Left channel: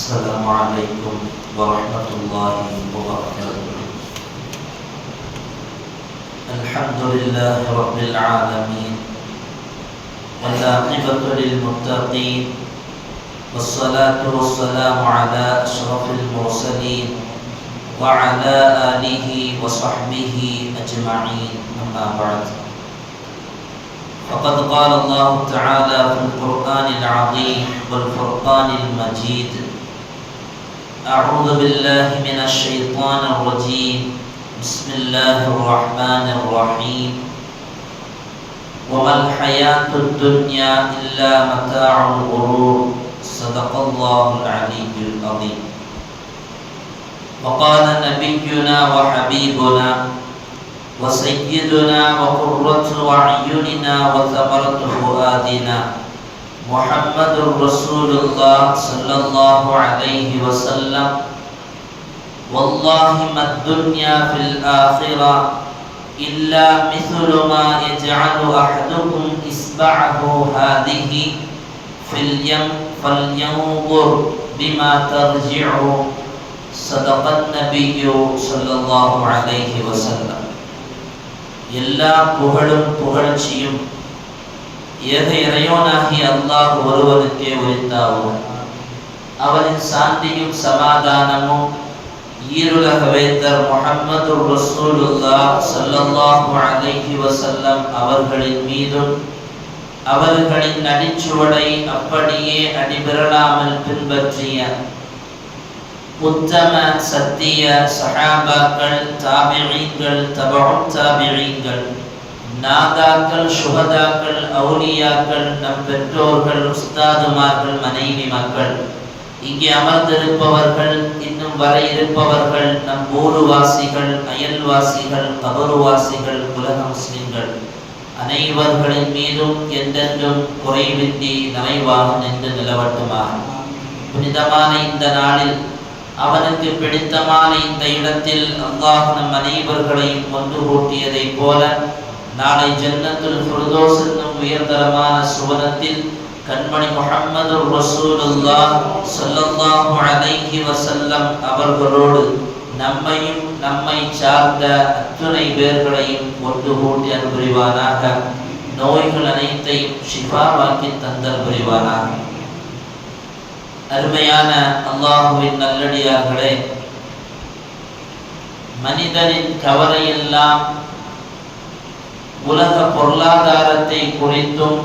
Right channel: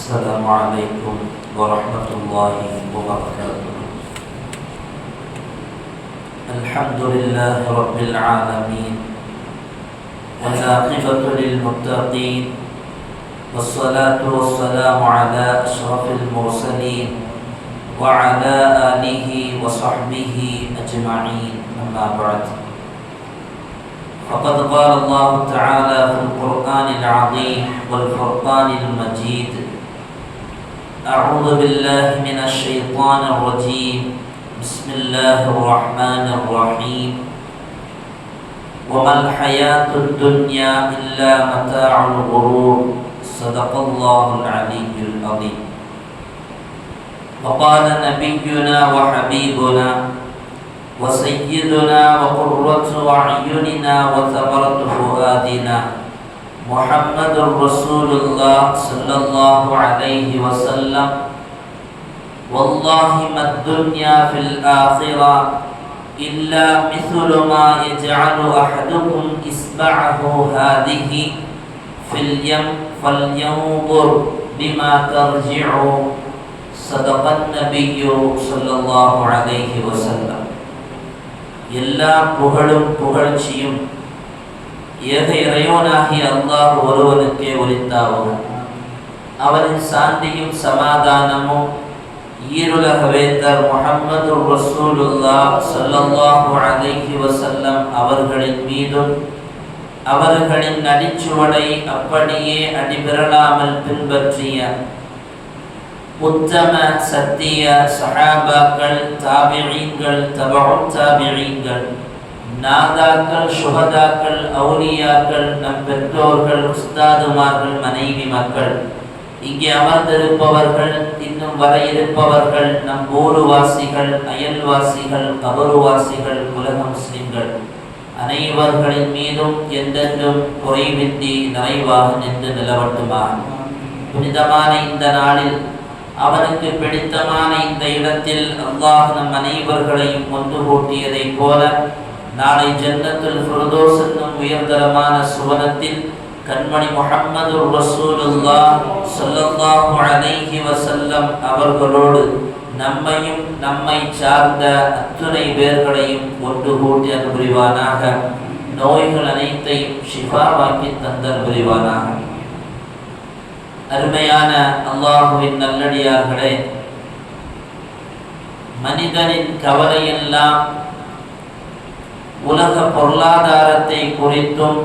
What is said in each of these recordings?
السلام عليكم ورحمة الله وبركاته. الحمد لله رب العالمين والعاقبة للمتقين والصلاة والسلام على أشرف المرسلين وعلى آله وصحبه أجمعين. أما بعد فقد قال الله تعالى في القرآن العظيم والفرقان المجيد أعوذ بالله من الشيطان الرجيم. بسم الله الرحمن الرحيم. وما الحياة الدنيا إلا متاع الغرور. صدق الله العلي العظيم. وقال نبينا وحبيبنا وسيدنا وقرة أعيننا وثمرة فؤادنا محمد رسول الله صلى الله عليه وسلم والله ما الدنيا في الآخرة إلا مثل ما يجعل أحدكم إصبعه هذه في اليم فلينظر بما ترجع صدق النبي صلى الله عليه وسلم எல்லா புகழும் புகழ்ச்சியும் எது இறைவனாகி அல்லாஹ் ஒருவனுக்கே உரித்தாவுக அவனின் சாந்தியும் சமாதானமும் ஈருலக வேந்தர் முகமது ரசூலுல்லா சல்லல்லாஹு அலைஹி வசல்லம் அவர்களின் மீதும் அவர்களின் அடிச்சுவடை அப்படியே அடிபிரளாமல் பின்பற்றிய உத்தம சத்திய சஹாபாக்கள் தாபிழீன்கள் தபும் தாபிழீன்கள் நாதாக்கள் சுகதாக்கள் அவுலியாக்கள் நம் பெற்றோர்கள் உஸ்தாதுமார்கள் மனைவி மக்கள். இங்கே அமர்ந்திருப்பவர்கள் இன்னும் வர இருப்பவர்கள் நம் ஊருவாசிகள் அயல்வாசிகள் கபருவாசிகள் உலக முஸ்லிம்கள். அனைவர்களின் மீதும் எந்தென்றும் குறைவின்றி நிறைவாக நின்று நிலவட்டுமாக புனிதமான இந்த நாளில் அவனுக்கு பிடித்தமான இந்த இடத்தில் அல்லாஹ் நம் அனைவர்களையும் ஒன்று கூட்டியதைப் போல நாளை ஜன்னத்துல் ஃபிர்தோஸ் என்னும் உயர்தரமான சுவனத்தில் கண்மணி முகம்மது ரசூலுல்லா சொல்லல்லாஹு அலைஹி வசல்லம் அவர்களோடு நம்மையும் நம்மை சார்ந்த அத்துணை பேர்களையும் கொண்டு கூட்டி அன்புரிவானாக நோய்கள் அனைத்தையும் ஷிஃபாவாக்கி தந்தல் புரிவானாக. அருமையான அல்லாஹுவின் நல்லடியார்களே மனிதனின் கவலையெல்லாம் உலக பொருளாதாரத்தை குறித்தும்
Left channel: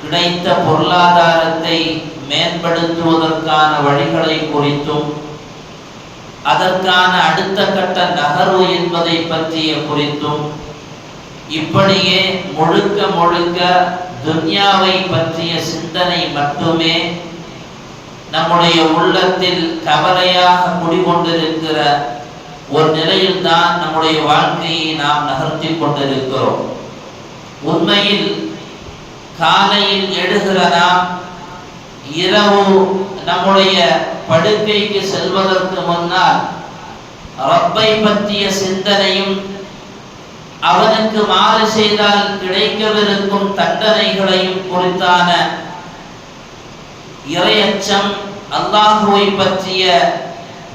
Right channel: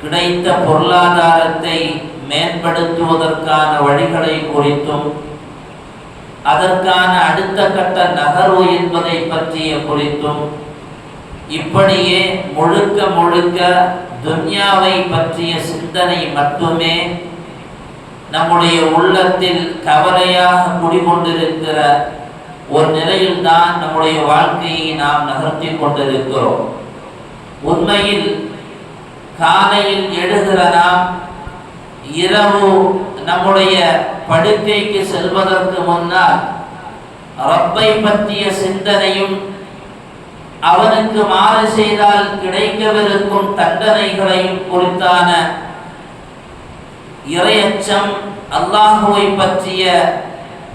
கிடைத்த பொருளாதாரத்தை மேம்படுத்துவதற்கான வழிகளை குறித்தும் அதற்கான அடுத்த கட்ட நகர்வு என்பதை பற்றிய குறித்தும் இப்படியே முழுக்க முழுக்க துன்யாவை பற்றிய சிந்தனை மட்டுமே நம்முடைய உள்ளத்தில் கவலையாக குடிகொண்டிருக்கிற ஒரு நிலையில் தான் நம்முடைய வாழ்க்கையை நாம் நகர்த்தி கொண்டிருக்கிறோம். உண்மையில் காலையில் எழுகிற நாம் இரவு நம்முடைய படுக்கைக்கு செல்வதற்கு முன்னால் ரப்பை பற்றிய சிந்தனையும் அவனுக்கு மாறு செய்தால் கிடைக்கவிருக்கும் தண்டனைகளையும் குறித்தான இறையச்சம் அல்லாஹுவை பற்றிய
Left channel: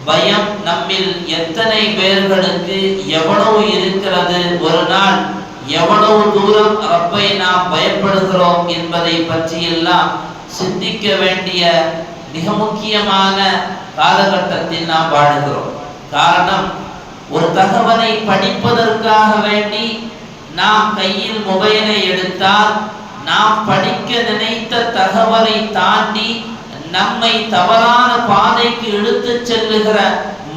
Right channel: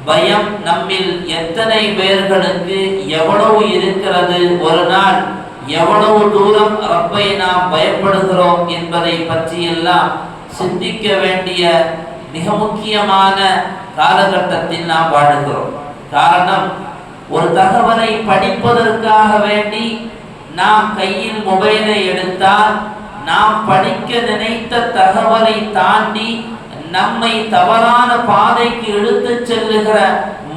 பயம் நம்மில் எத்தனை பேர்களுக்கு எவ்வளவு இருக்கிறது? ஒரு நாள் எவ்வளவு தூரம் ரப்பை நாம் பயப்படுகிறோம் என்பதை பற்றியெல்லாம் சிந்திக்க வேண்டிய மிக முக்கியமான காலகட்டத்தில் நாம் வாழுகிறோம். காரணம் ஒரு தகவலை படிப்பதற்காக வேண்டி நாம் கையில் மொபைலை எடுத்தால் நாம் படிக்க நினைத்த தகவலை தாண்டி நம்மை தவறான பாதைக்கு இழுத்து செல்லுகிற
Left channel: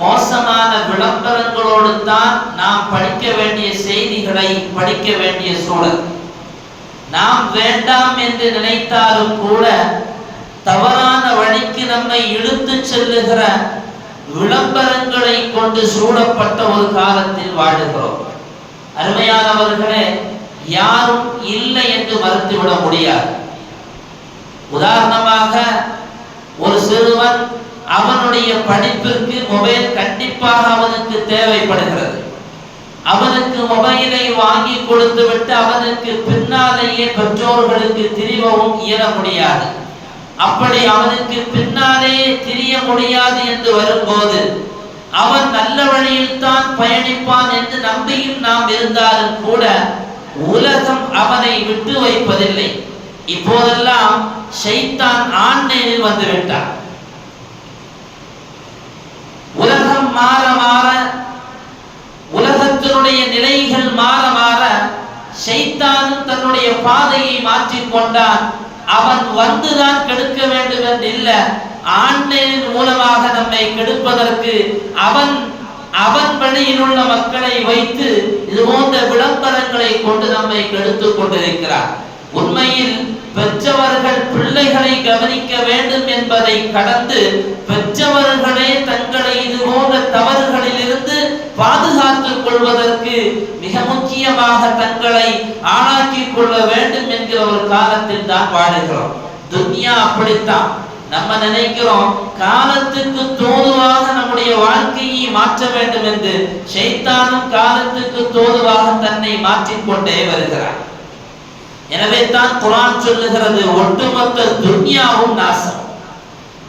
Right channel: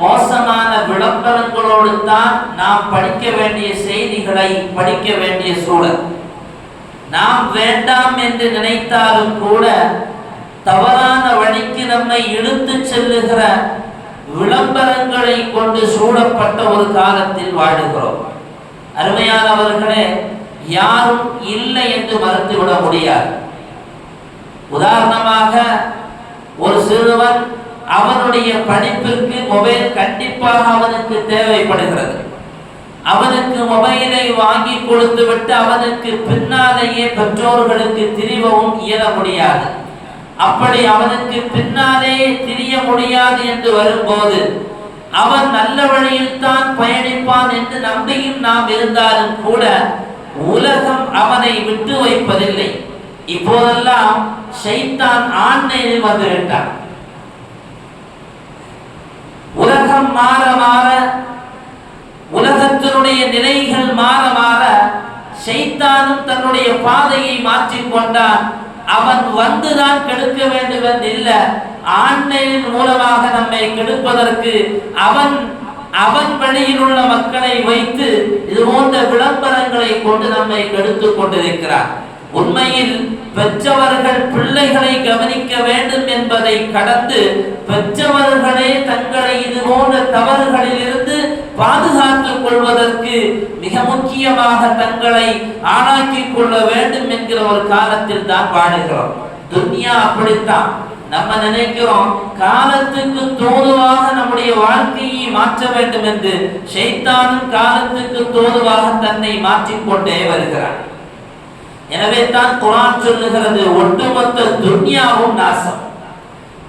மோசமான விளம்பரங்களோடு தான் நாம் படிக்க வேண்டிய செய்திகளை படிக்க வேண்டிய சூழல். நாம் வேண்டாம் என்று நினைத்தாலும் கூட தவறான வழிக்கு நம்மை இழுத்து செல்லுகிற விளம்பரங்களை கொண்டு சூழப்பட்ட ஒரு காலத்தில் வாழுகிறோம். அருமையானவர்களே யாரும் இல்லை என்று மறுத்துவிட முடியாது. உதாரணமாக ஒரு சிறுவன் அவனுடைய படிப்பிற்கு மொபைல் கண்டிப்பாக அவனுக்கு தேவைப்படுகிறது. அவனுக்கு மொபைலை வாங்கி கொடுத்து விட்டு அவனுக்கு பின்னாலேயே பெற்றோர்களுக்கு திரிவவும் இயல முடியாது. அப்படி அவனுக்கு பின்னாலே திரிய முடியாது என்று வரும்போது அவன் நல்ல வழியில் தான் பயணிப்பான் என்று நம்பியும் நாம் இருந்தாலும் கூட உலகம் அவனை விட்டு வைப்பதில்லை. இப்போதெல்லாம் ஷைத்தான் ஆண்மையில் வந்துவிட்டார். உலகம் மாற மாற உலகத்தினுடைய நிலைகள் மாற மாற ஷைத்தானும் தன்னுடைய பாதையை மாற்றிக் கொண்டான். அவன் வந்துதான் கெடுக்க வேண்டும் என்று இல்ல ஆண்மையின் மூலமாக நம்மை கெடுப்பதற்கு அவன் அவன் வழியில் உள்ள மக்களை வைத்து இது போன்ற விளம்பரங்களை கொண்டு நம்மை கெடுத்துக் கொண்டிருக்கிறான். உண்மையில் பெற்றவர்கள் பிள்ளைகளை கவனிக்க வேண்டும் என்பதை கடந்து பெற்றவர்களே தங்களை இது போன்ற தவறுகளில் இருந்து பாதுகாத்துக் கொள்வதற்கு மிக முக்கியமாக தங்களை ஆளாக்கிக் கொள்ள வேண்டும் என்கிற ஒரு காலத்தில் தான் வாழுகிறோம். துன்யா அப்படித்தான். நம்ம நினைக்கிறோம் காலத்துக்கு தோதுவாக நம்முடைய வாழ்க்கையை மாற்ற வேண்டும் என்று. ஷைத்தானும் காலத்துக்கு தோதுவாக தன்னை மாற்றிக்கொண்டே வருகிறான். எனவே தான் குரான் சொல்லுகிறது ஒட்டுமொத்த துன்யாவும் நாசம்.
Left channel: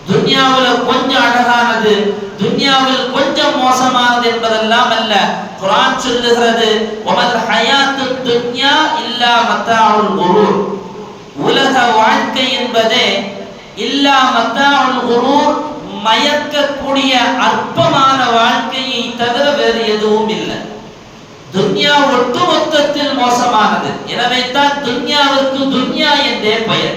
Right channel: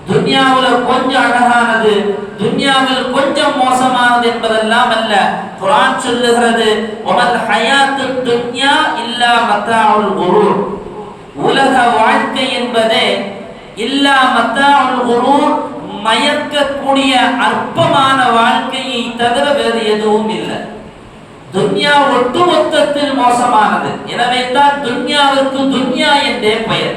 துன்யாவில் கொஞ்சம் அழகானது துன்யாவில் கொஞ்சம் மோசமானது என்பதெல்லாம் அல்ல. குரான் சொல்லுகிறது ஒமல் ஹயாத்து துன்யா இல்லா மத்தாவுல் குரூர். உலக வாழ்க்கை என்பதே இல்லா மத்தாவுல் குரூர் மயக்கக்கூடிய அற்பமான வாழ்க்கையை தவிர வேறு எதுவும் இல்லை. துன்யா ஒட்டுமொத்தத்தில் மோசமானது. எனவே தான் துன்யாவிற்கு துன்யா என்றே பெயர்.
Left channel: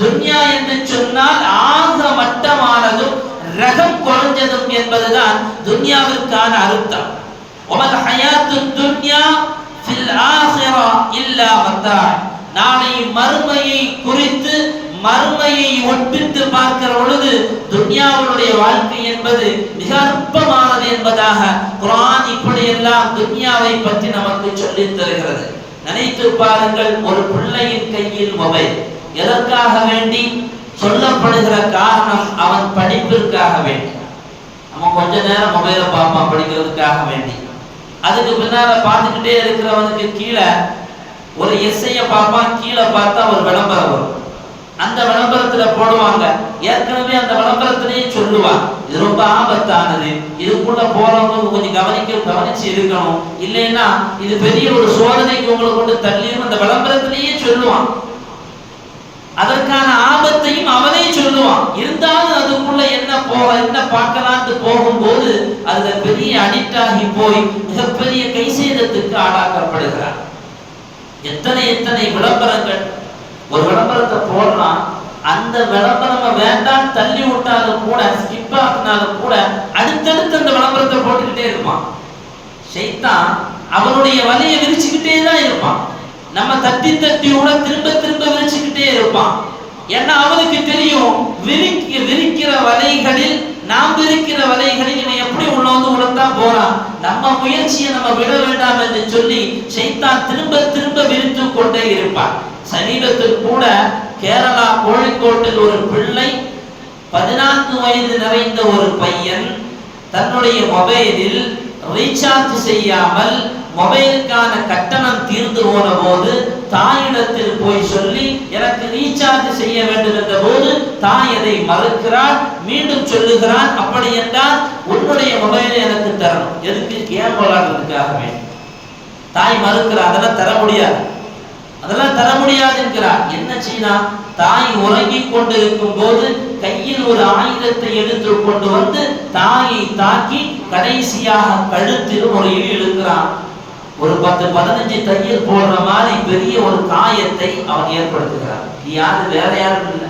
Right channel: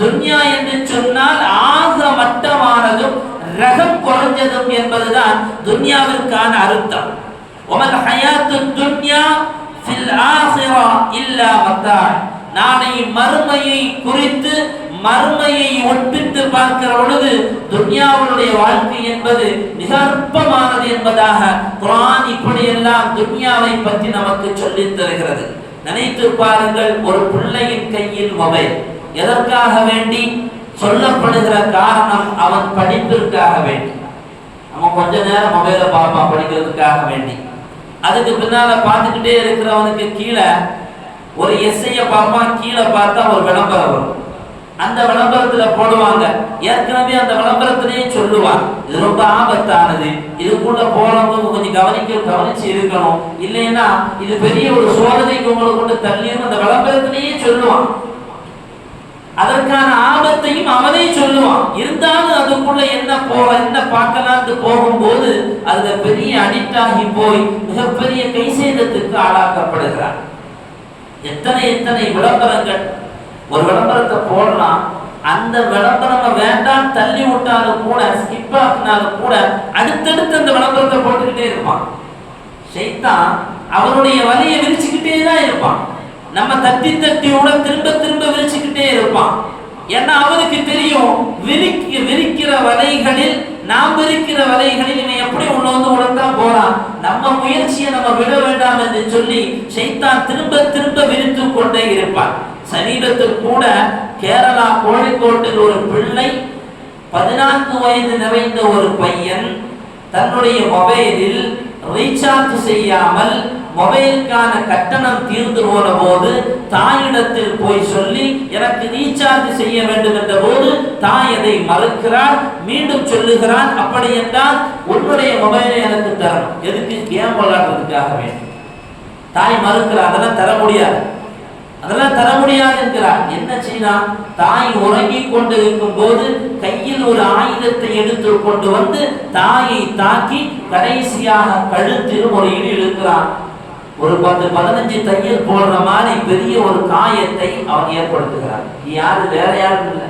துன்யா என்று சொன்னால் ஆக மட்டமானதும் ரகம் குறைஞ்சதும் என்பதுதான் துன்யாவிற்கான அர்த்தம். ஒமல் ஹயாத்து துன்யா ஃபில் ஆஹிரா இல்லா மத்தா நாளை மறுமையை குறித்து மறுமையை ஒப்பிட்டு பார்க்கிற பொழுது துன்யாவுடைய வாழ்க்கை என்பது மிக அற்பமானது என்பதாக குரான் இப்படியெல்லாம் துன்யாவை பற்றி நமக்கு சொல்லித் தருகிறது. நினைத்து பாருங்கள் ஒரு பிள்ளையின் கையில் மொபைல் எதற்காக வேண்டி சொல்லப்படுகிற காரணம் அவன் படிப்பிற்காக வேண்டி. நம்ம கொஞ்ச நேரம் மொபைலை பார்ப்பான் படிக்கிறதுக்காக வேண்டி. அதுக்கு பின்னால பார்த்துக்கிட்டே இருக்கிறவனுக்கு கீழே ஒரு எஸ்ஐயை பார்ப்பான் கீழே பார்த்தா ஒரு விளம்பரம் வரும். அந்த விளம்பரத்துல போடுவாங்க. ஏற்கனவே அந்த விளம்பரத்திலேயே சொல்லுவான் இது ரொம்ப ஆபத்தானது. இதுக்குள்ள போறவங்க கொஞ்சம் கவனிக்க கவனிச்சு இருக்கணும். இல்லைன்னா இது பெரிய ஒரு சோதனைக்கு உங்களை கொண்டு தள்ளியும் அந்த விளம்பரத்திலேயே சொல்லுவான். அதற்கான ஆபத்தையும் அவனே சொல்லுவான். இருந்தாலும் அதுக்குள்ள என்ன போக என்ன பார்க்கலான்னு போகும்போது அதுல பெரிய அடிக்ட் ஆகி போய் மிகப்பெரிய கை சேதத்துக்கு ஆளாக்கப்படுகிறார். எத்தனை எத்தனை விளம்பரங்கள் ஒரு விளம்பரத்தை போடுறான் அந்த விளம்பரம் வேண்டாம் தள்ளி விட்டாலும் கூட ஸ்கிப் ஆகினாலும் கூட அடுத்தடுத்து அந்த விளம்பரத்தை போட்டுக்கிட்டே இருப்பான். ஷைத்தான் அவனுடைய வலையை விரிச்சுக்கிட்டே தான் இருப்பான். நம்ம தட்டி தட்டி கூட திரும்ப திரும்ப விரிச்சுக்கிட்டே இருப்பான். ஏன்னா அவனுக்கு தெரியும் விரிக்க விரிக்கிற வலைகளில் நாம் விரிக்கிற வலைகளில் இவன் எப்படி உள்ள வந்து உடன்தான் போறான்? நம்ம முயற்சியை நம்ம விட வேண்டாம் என்று சொல்லி ஷைத்தான் திரும்ப திரும்ப விரித்து கொண்டே இருப்பான். சமீபத்தில் கூட கேரளா கோழிக்கோட்டில் ஒரு பிள்ளை பதினான்கு வயது நிறைந்த ஒரு பையன் தன்னுடைய மொபைலில் ரீசார்ஜ் செய்யாமல் மொபைலுக்கான கட்டணம் தீர்ந்து போன போது தாயிடத்தில் போய் சொல்லி எனக்கு ரீசார்ஜ் செய்ய வேண்டும் என்ற போது தாய் அதை மறுக்கிறாள் மீண்டும் சொல்லுகிறான் அப்படி என்றால் உன்னுடைய மொபைலை எனக்கு தரணும். எதுக்கு கேம் விளையாடுறதுக்காக வேண்டும் தாய் மறுக்கிறார் அதெல்லாம் தர முடியாது. அதெல்லாம் தர முடியாது என்கிறார். என்ன செய்யலாம் தாய் உறங்கி கொண்டு இருக்கும் போது கையில் ஒரு ஆயுதத்தை எடுத்து கொண்டு வந்து தாயை தாக்கி கடைசியாக கழுத்தில் ஒரு இழி இழுக்கிறான். ஒரு பத்து பதினஞ்சு தையல் போடுற மாதிரி பெரிய ஒரு காயத்தை அவன் ஏற்படுத்துகிறான். யாரு? வேற யாரும் இல்லை.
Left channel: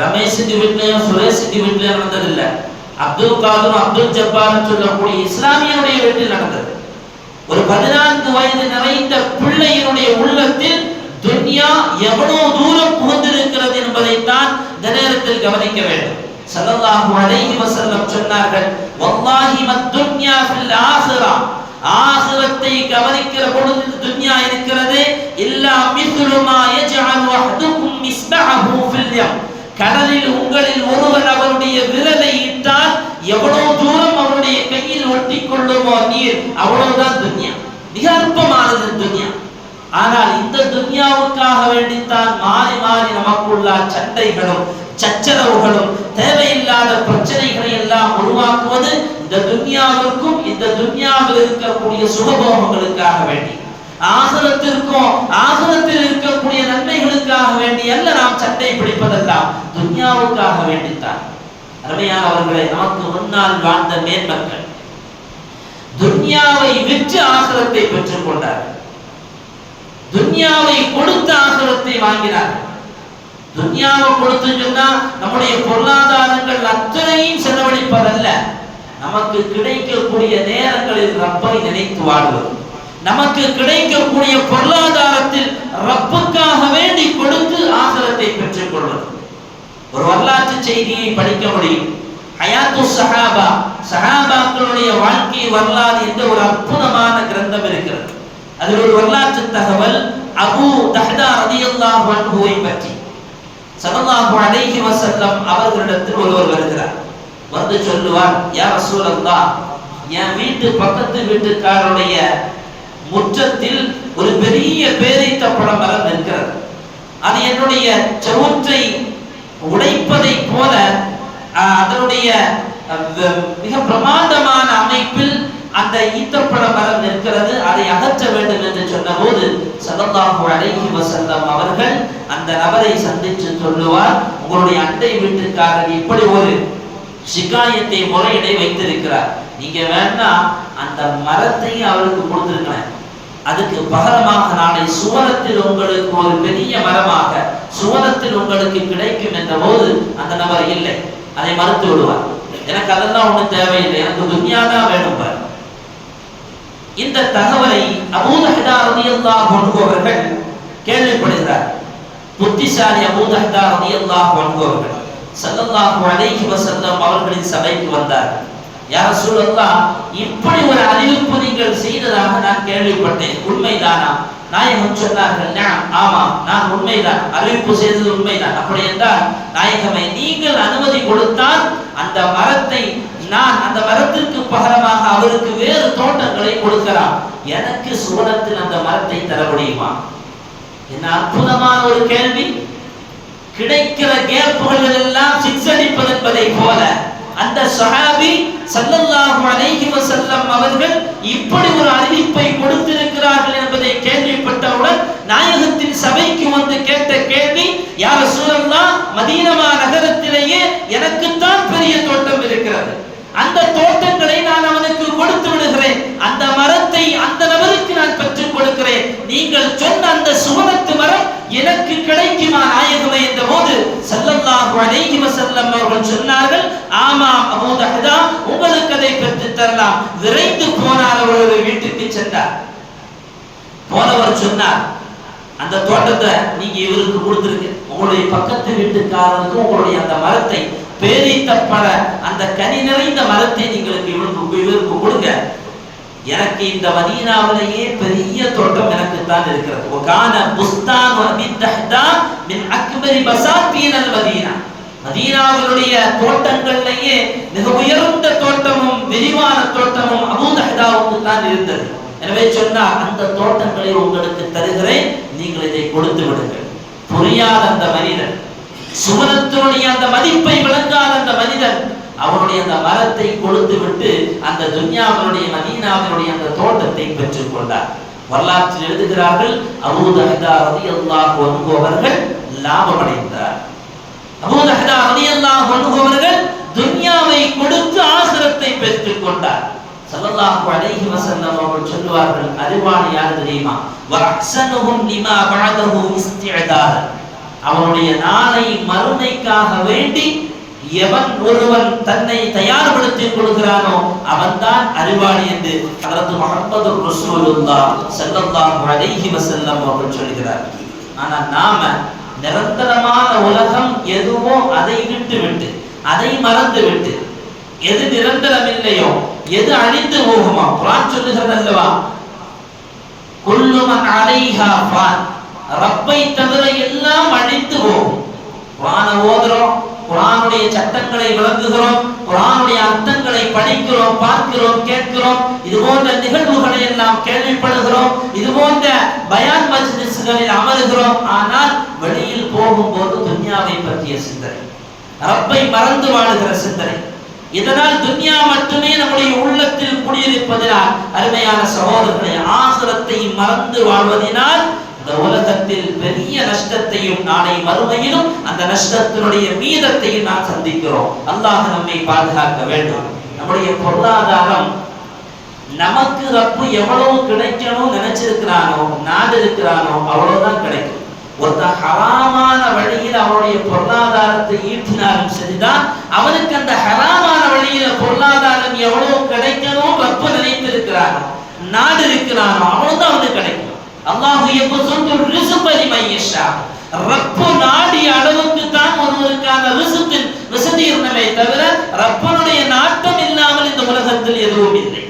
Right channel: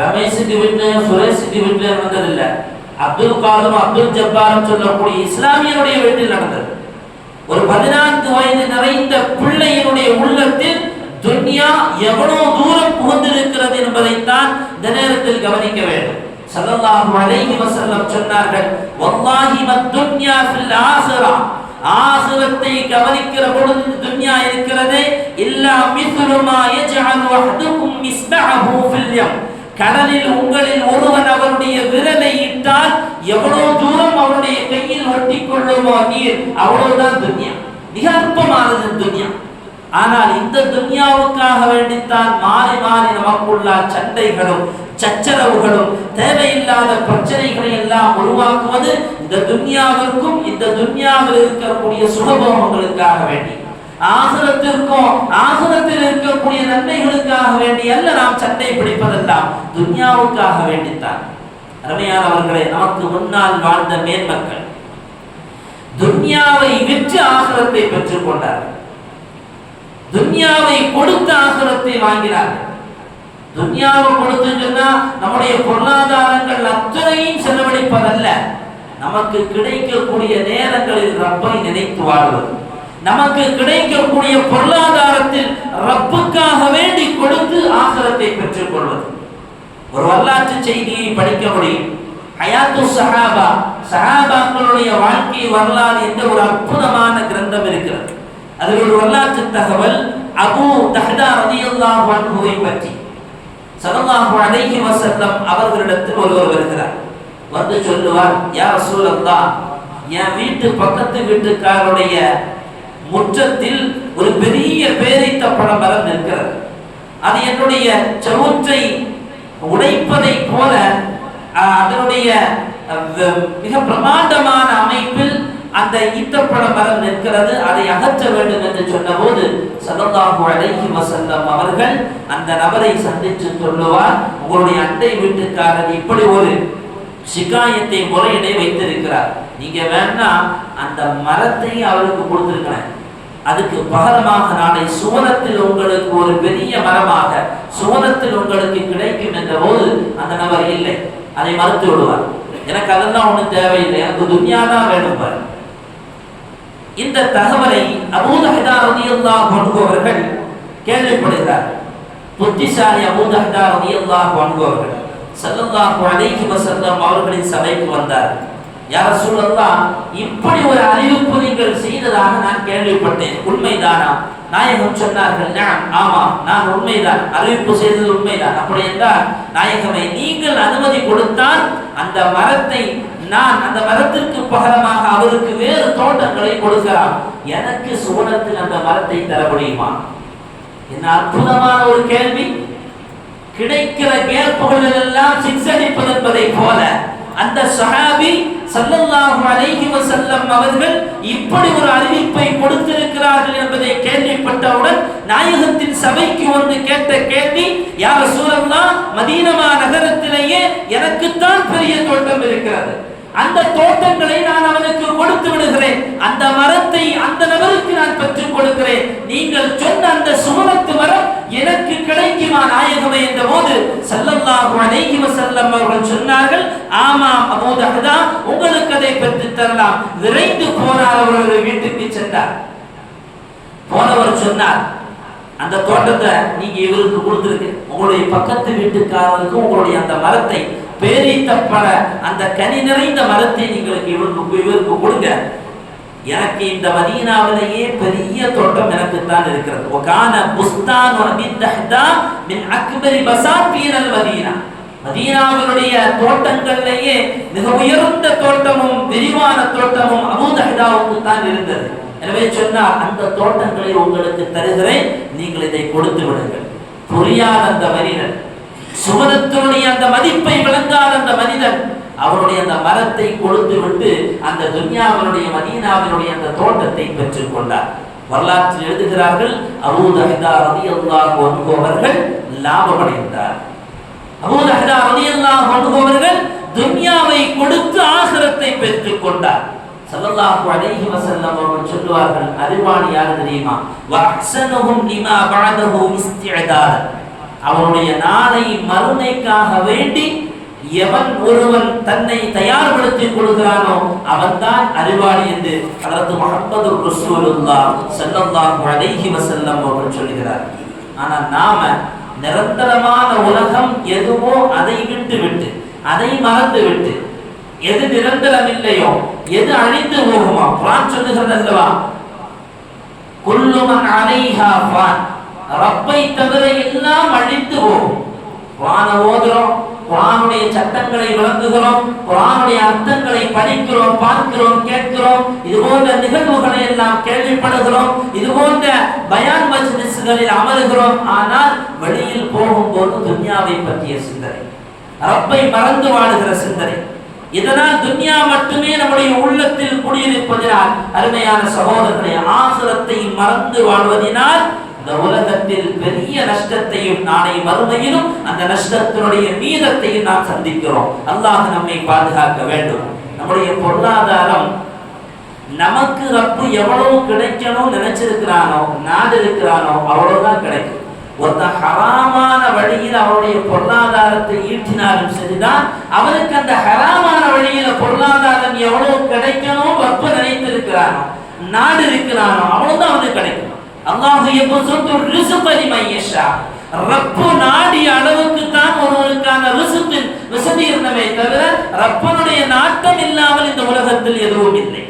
ரமேஷுக்கு வீட்டுல சுரேஷுக்கு வீட்டுல நடந்ததில்லை அப்துல் காதும் அப்துல் ஜப்பாரும் சொல்லக்கூடிய இஸ்லாமியனுடைய வீட்டில் நடந்தது. ஒரு பதினான்கு வயது நிறைந்த பிள்ளையினுடைய உள்ளத்தில் துன்யா எவ்வளவு தூரம் புகுந்திருக்கிறது என்பதைத்தான் இந்த நேரத்தில் கவனிக்க வேண்டும். ஸல்லல்லாஹு அலைஹி வஸல்லம் சொன்னார்கள் வல்லாஹி மத்துன்யா ஃபில் ஆசிரா ஆசிரத்தை கவனிக்கிற பொழுது துன்யா இருக்கிறதே இல்லா மித்லு மா யஜ்அல் வஹதுக்கும் மிஸ்பஹு ஃபில் யம். கடலில் உங்களில் ஒருவன் அவருடைய விரலை இட்டால் எவ்வளவு தூரம் அவருடைய கையில் ஒட்டி கொள்ளுமோ நீர் அவ்வளவுதான் துன்யா. மிக அற்பமானது துன்யா. ஆனால் இந்த துன்யாவுக்காக வேண்டித்தான் மாறி மாறி நமக்குள்ள சண்டைகளும் சச்சரவுகளும் தேவையில்லாத பிரச்சனைகளை எல்லாம் உருவாக்குவது இந்த துன்யாவிற்கும் இந்த துன்யாவில் இருக்கக்கூடிய சுகபோகங்களுக்காக வேண்டி. ஆசுரத்திற்கும் ஆசுரத்தில் இருக்கக்கூடிய நன்மைகளுக்காக வேண்டி அல்ல நாம் சண்டை பிடிப்பதெல்லாம் துன்யாவுக்காக வேண்டித்தான். அருமையானவர்களே நமக்கு முன்னால் வாழ்ந்த மேன்மக்கள் துன்யாவை விற்று ஆகரத்தை பெற்றுக் கொண்டார்கள். துன்யாவை கொடுத்த ஆசுரத்தை வாங்கினார்கள். துன்யாவை கொடுத்து சொன்னா நம்முடைய பொருளாதாரங்கள் அத்தனையும் செலவழிப்பதல்ல. நமக்கு கிடைக்கக்கூடிய நேரங்களில் ரப்பை நினைத்து வாழ்வது நமக்கு கிடைக்கக்கூடிய பொருளாதாரத்தில் ரப்புக்காக வேண்டி கொடுத்து ஆகரத்தை பெற்றுக் கொள்வது ஒரு வரலாற்று செய்தியை படிக்க முடியும். ஹயாத்து சஹாபா சஹாபாக்களுடைய வாழ்க்கை வரலாறு என்ற ஒரு அற்புதமான கிரந்தம் இருக்கிறது. அதில் ஒரு வரலாற்று தகவல் அபு தஹ்தா ரதியல்லாஹு அன்ஹுவை பற்றி. ஸல்லல்லாஹு அலைஹி வஸல்லம் அவர்களிடத்தில் ஒருவர் வருகிறார். வந்து சொல்லுவார் யா ரசூலல்லாஹ் என் வீட்டு பக்கத்து வீட்டுக்காரருடைய முற்றத்தில் ஒரு பெரிய பேரித்த பழம் மரம் நிற்கிறது. அது என்னுடைய செவுற்றை உடைப்பதை போல அதனுடைய மிக பிரமாண்டமான அமைப்பில் அந்த ஈத்தப்பழ மரம் நிற்கிறது. அதை அகற்ற வேண்டும் என்று சொன்னபோது சதந்தாகு அழகி வஸல்லம் அவர்கள் அந்த நபரை சந்தித்து சொல்லுவார் உங்களுடைய அண்டை வீட்டுக்காரர் இப்படி ஒரு சிகாயத்தை முறையிடை வைத்திருக்கிறார். நீங்க வேணா அந்த மரத்தையும் அவருக்கு கொடுத்திருக்கிறேன் அதுக்கு பகரமாக நாளை சுவனத்தில் உங்களுக்கு ஒரு பெரிய மரமாக சுவனத்தில் உங்களுக்கு கிடைக்கும் என்ற போது அந்த நபர் இல்லை. அதை மறுத்து விடுவார். எனக்கு அதெல்லாம் ஒண்ணும் தேவையில்லை. எனக்கு துன்யா தான் வேணும் இந்த தகவலை அபூதஹிதா ரதியல்லா அன்ஹு அவர்கள் கேள்விப்படுகிறார். புத்திசாலி அபூதஹிதா ரதியல்லா அன்ஹு அவர்கள். ஸல்லல்லாஹு அலைஹி வசல்லம் அவர்களின் சபைக்கு வந்தார். யார ரசூலல்லாஹ் இப்படி ஒரு அறிவிப்பு நீங்கள் செய்ததாக நான் கேள்விப்பட்டேன். உண்மைதானா? நாயகம் சொன்னார்கள் "நஅம், ஆமாம் நான் உண்மைதான். அறிவிப்பு செய்தது உண்மைதான். அப்படி என்றால் நாயகமை நீங்கள் அனுமதி கொடுத்தால் அந்த மரத்தை நான் அந்த மரத்திற்கு பகரமாக அவருக்கு வேறு தோட்டங்களை கொடுக்கலாம். எனக்கு சுவனத்தில் அந்த மரத்தை தர முடியுமா? என்ன அற்புதமான ஒரு கேள்வி. கிடைக்கிற கேப்புகள் எல்லாம் சிக்ஸ் அடிப்பது என்பதை போல. அந்த சஹாபி சல்லல்லாஹு அலைஹி வஸல்லம் அவர்கள் இப்படி ஒரு அறிவிப்பை கொடுத்திருக்கிறார்கள் என்பதை கேள்விப்பட்டவுடன் நாயகத்தின் சபைக்கு வந்து கேட்ட கேள்வி யார் சூழல்லா மதீனமா நகரத்திலேயே எனக்குத்தான் பெரிய தோட்டம் இருக்கிறது. அந்த தோட்டங்களை நான் அவனுக்கு கொடுத்து விடுகிறேன். அந்த மரத்தை அந்த நபருக்கு நான் பெற்றுக் கொடுக்கிறேன். நீங்கள் சொன்ன அந்த சுவனத்து மரம் எனக்கு கிடைக்குமா நாயகமே என்ற போது ஸல்லல்லாஹு அலைஹி வஸல்லம் அவர்கள் சொன்னார்கள் ஆமாம் அபூ தஹதா உங்களுக்கு அதை பெற்று தரலாம். விரைந்து போனார் அவர்கள் வீட்டுக்கு சென்றார். போனவர் சொன்னார் அந்த தோட்டத்தை நீங்க இவருக்கு கொடுத்துருக்கு உங்களுடைய பக்கத்து வீட்டுக்காரருக்கு உங்களுடைய அந்த மரத்தை பேரித்தப்பட அந்த கனி நிறைந்த மரத்தை நீங்களுக்கு இவருக்கு கொடுங்க. எனக்கு இந்த மதீனாவிலேயே பெரிய தோட்டம் எனக்கு தான் இருக்கிறது. ஒகான புஸ்தான் அபி மின் அக்பரி பசாத்தீன் மதீனா. மதீனாவினுடைய தோட்டங்கள்லேயே மிக உயர்ந்த தோட்டமும் விரிவான தோட்டமும் அபூதஹ்தாவுக்கு தான் இருந்தது. எனவே சொன்னார் அந்த தோட்டங்களை உங்களுக்கு தருகிறேன் நீங்கள் இதை கொடுத்து விடுங்கள். புரியாத அந்த மனிதன் சுவனத்தினுடைய அந்த மதிப்பை விளங்காத அந்த மனிதன் அவனுடைய அந்த மரத்தை கொடுத்து விட்டு அந்த துன்யாவினுடைய மதீனாவினுடைய அந்த தோட்டத்தை பெற்றுக் கொண்டார் வரலாற்றில் எழுதுகிறார்கள் அபூதஹிதா ரலியல்லாஹு அன்ஹு அவர்கள் லாபமடைந்தார். அபூதஹிதா ரலியல்லாஹு அன்ஹு அவர்கள் துன்யாவை கொடுத்து ஆசிரத்தை பெற்றுக் கொண்டார். சல்லல்லாஹு அலைஹி வஸல்லம் அவர்கள் சொல்லுவார்கள் அறிவாளி யார் தெரியுமா? வஹ்சனுஹும் லிமா பஅதஹு இஸ்திஅதார் அவனுடைய நாளை மறுமைக்காக வேண்டி எவன் ஒருவன் தன்னை தயார்படுத்திக் கொள்கிறானோ அவன்தான் அறிவாளி என்று அதற்கு முஹம்மது ரசூலுல்லாஹ் செல்லல்லாம் அலைஹி செல்லம் அவர்கள் சொல்கிறார் ஆனா நாம நிரந்தரமான உலகம் எதுவோ அதை விட்டு விட்டு அதை மறந்து விட்டு எது நிரந்தரம் இல்லையோ எது அழிந்து போகுமோ குரான் சொல்லுகிறது அல்லவா? குல்லுமன் அலைஹா ரப்பை தவிர எல்லாம் அழித்து போகும். ஓதுறோம் குரானுடைய சட்டங்களை விளங்குகிறோம் குரானுடைய அர்த்தங்களை படிக்கிறோம் பார்க்கிறோம் கேட்கிறோம் இது போன்ற நிகழ்வுகளை எல்லாம் கேள்விப்படுகிறோம் இது போன்ற பயான் மஜ்லிஸ்களில் அமருகிறோம். ஆனால் வெளியில் போகும்போது துன்யாவை பற்றிய சிந்தனை ரப்பை மறந்து வாழுகிற சிந்தனை. இதனால் துன்யா மட்டுமே நம்முடைய உள்ளத்தில் குடியிருப்பதினால் அருமையான சகோதரர்களை ஆசுரத்தை மறந்து வாழ்வதினால் இந்த உலகத்தில் பெரிய நஷ்டத்தையும் நாளை மறுமையிலும் அந்த நஷ்டத்தினுடைய மீதத்தையும் நாம் சந்திக்கிறோம். அல்லாஹ் நம்மை பாதுகாக்க வேண்டும். நம்முடைய பொருளாதாரம் நமக்கு ரப்பு எவ்வளவு கிடைக்கணும் நினைச்சிருக்கிறானோ நாடு இருக்கிறானோ அவ்வளவுதான் கிடைக்கும். ஒருத்தன் ஹராமான வழியில் அவனுடைய பொருளாதாரத்தை ஈட்டினாலும் சரிதான். அவனுக்கு அந்த ஹராமான வழியில பொருளாதாரம் எவ்வளவு கிடைக்கணும் ரப்பு நினைத்திருக்கிறானோ நாடு இருக்கிறானோ அவ்வளவுதான் அவனுக்கு கிடைக்கும். அல்லாஹு எப்போ ரிசுபதி மையஷா ரப்பு நாடிய அளவுக்கு தான் ஒருவருக்கான ரிசுப்பின் இருந்தவை தவிர ரப்பனுடைய நாட்டம் இல்லாமல் இந்த உலகத்தில் எதுவும் இல்லை.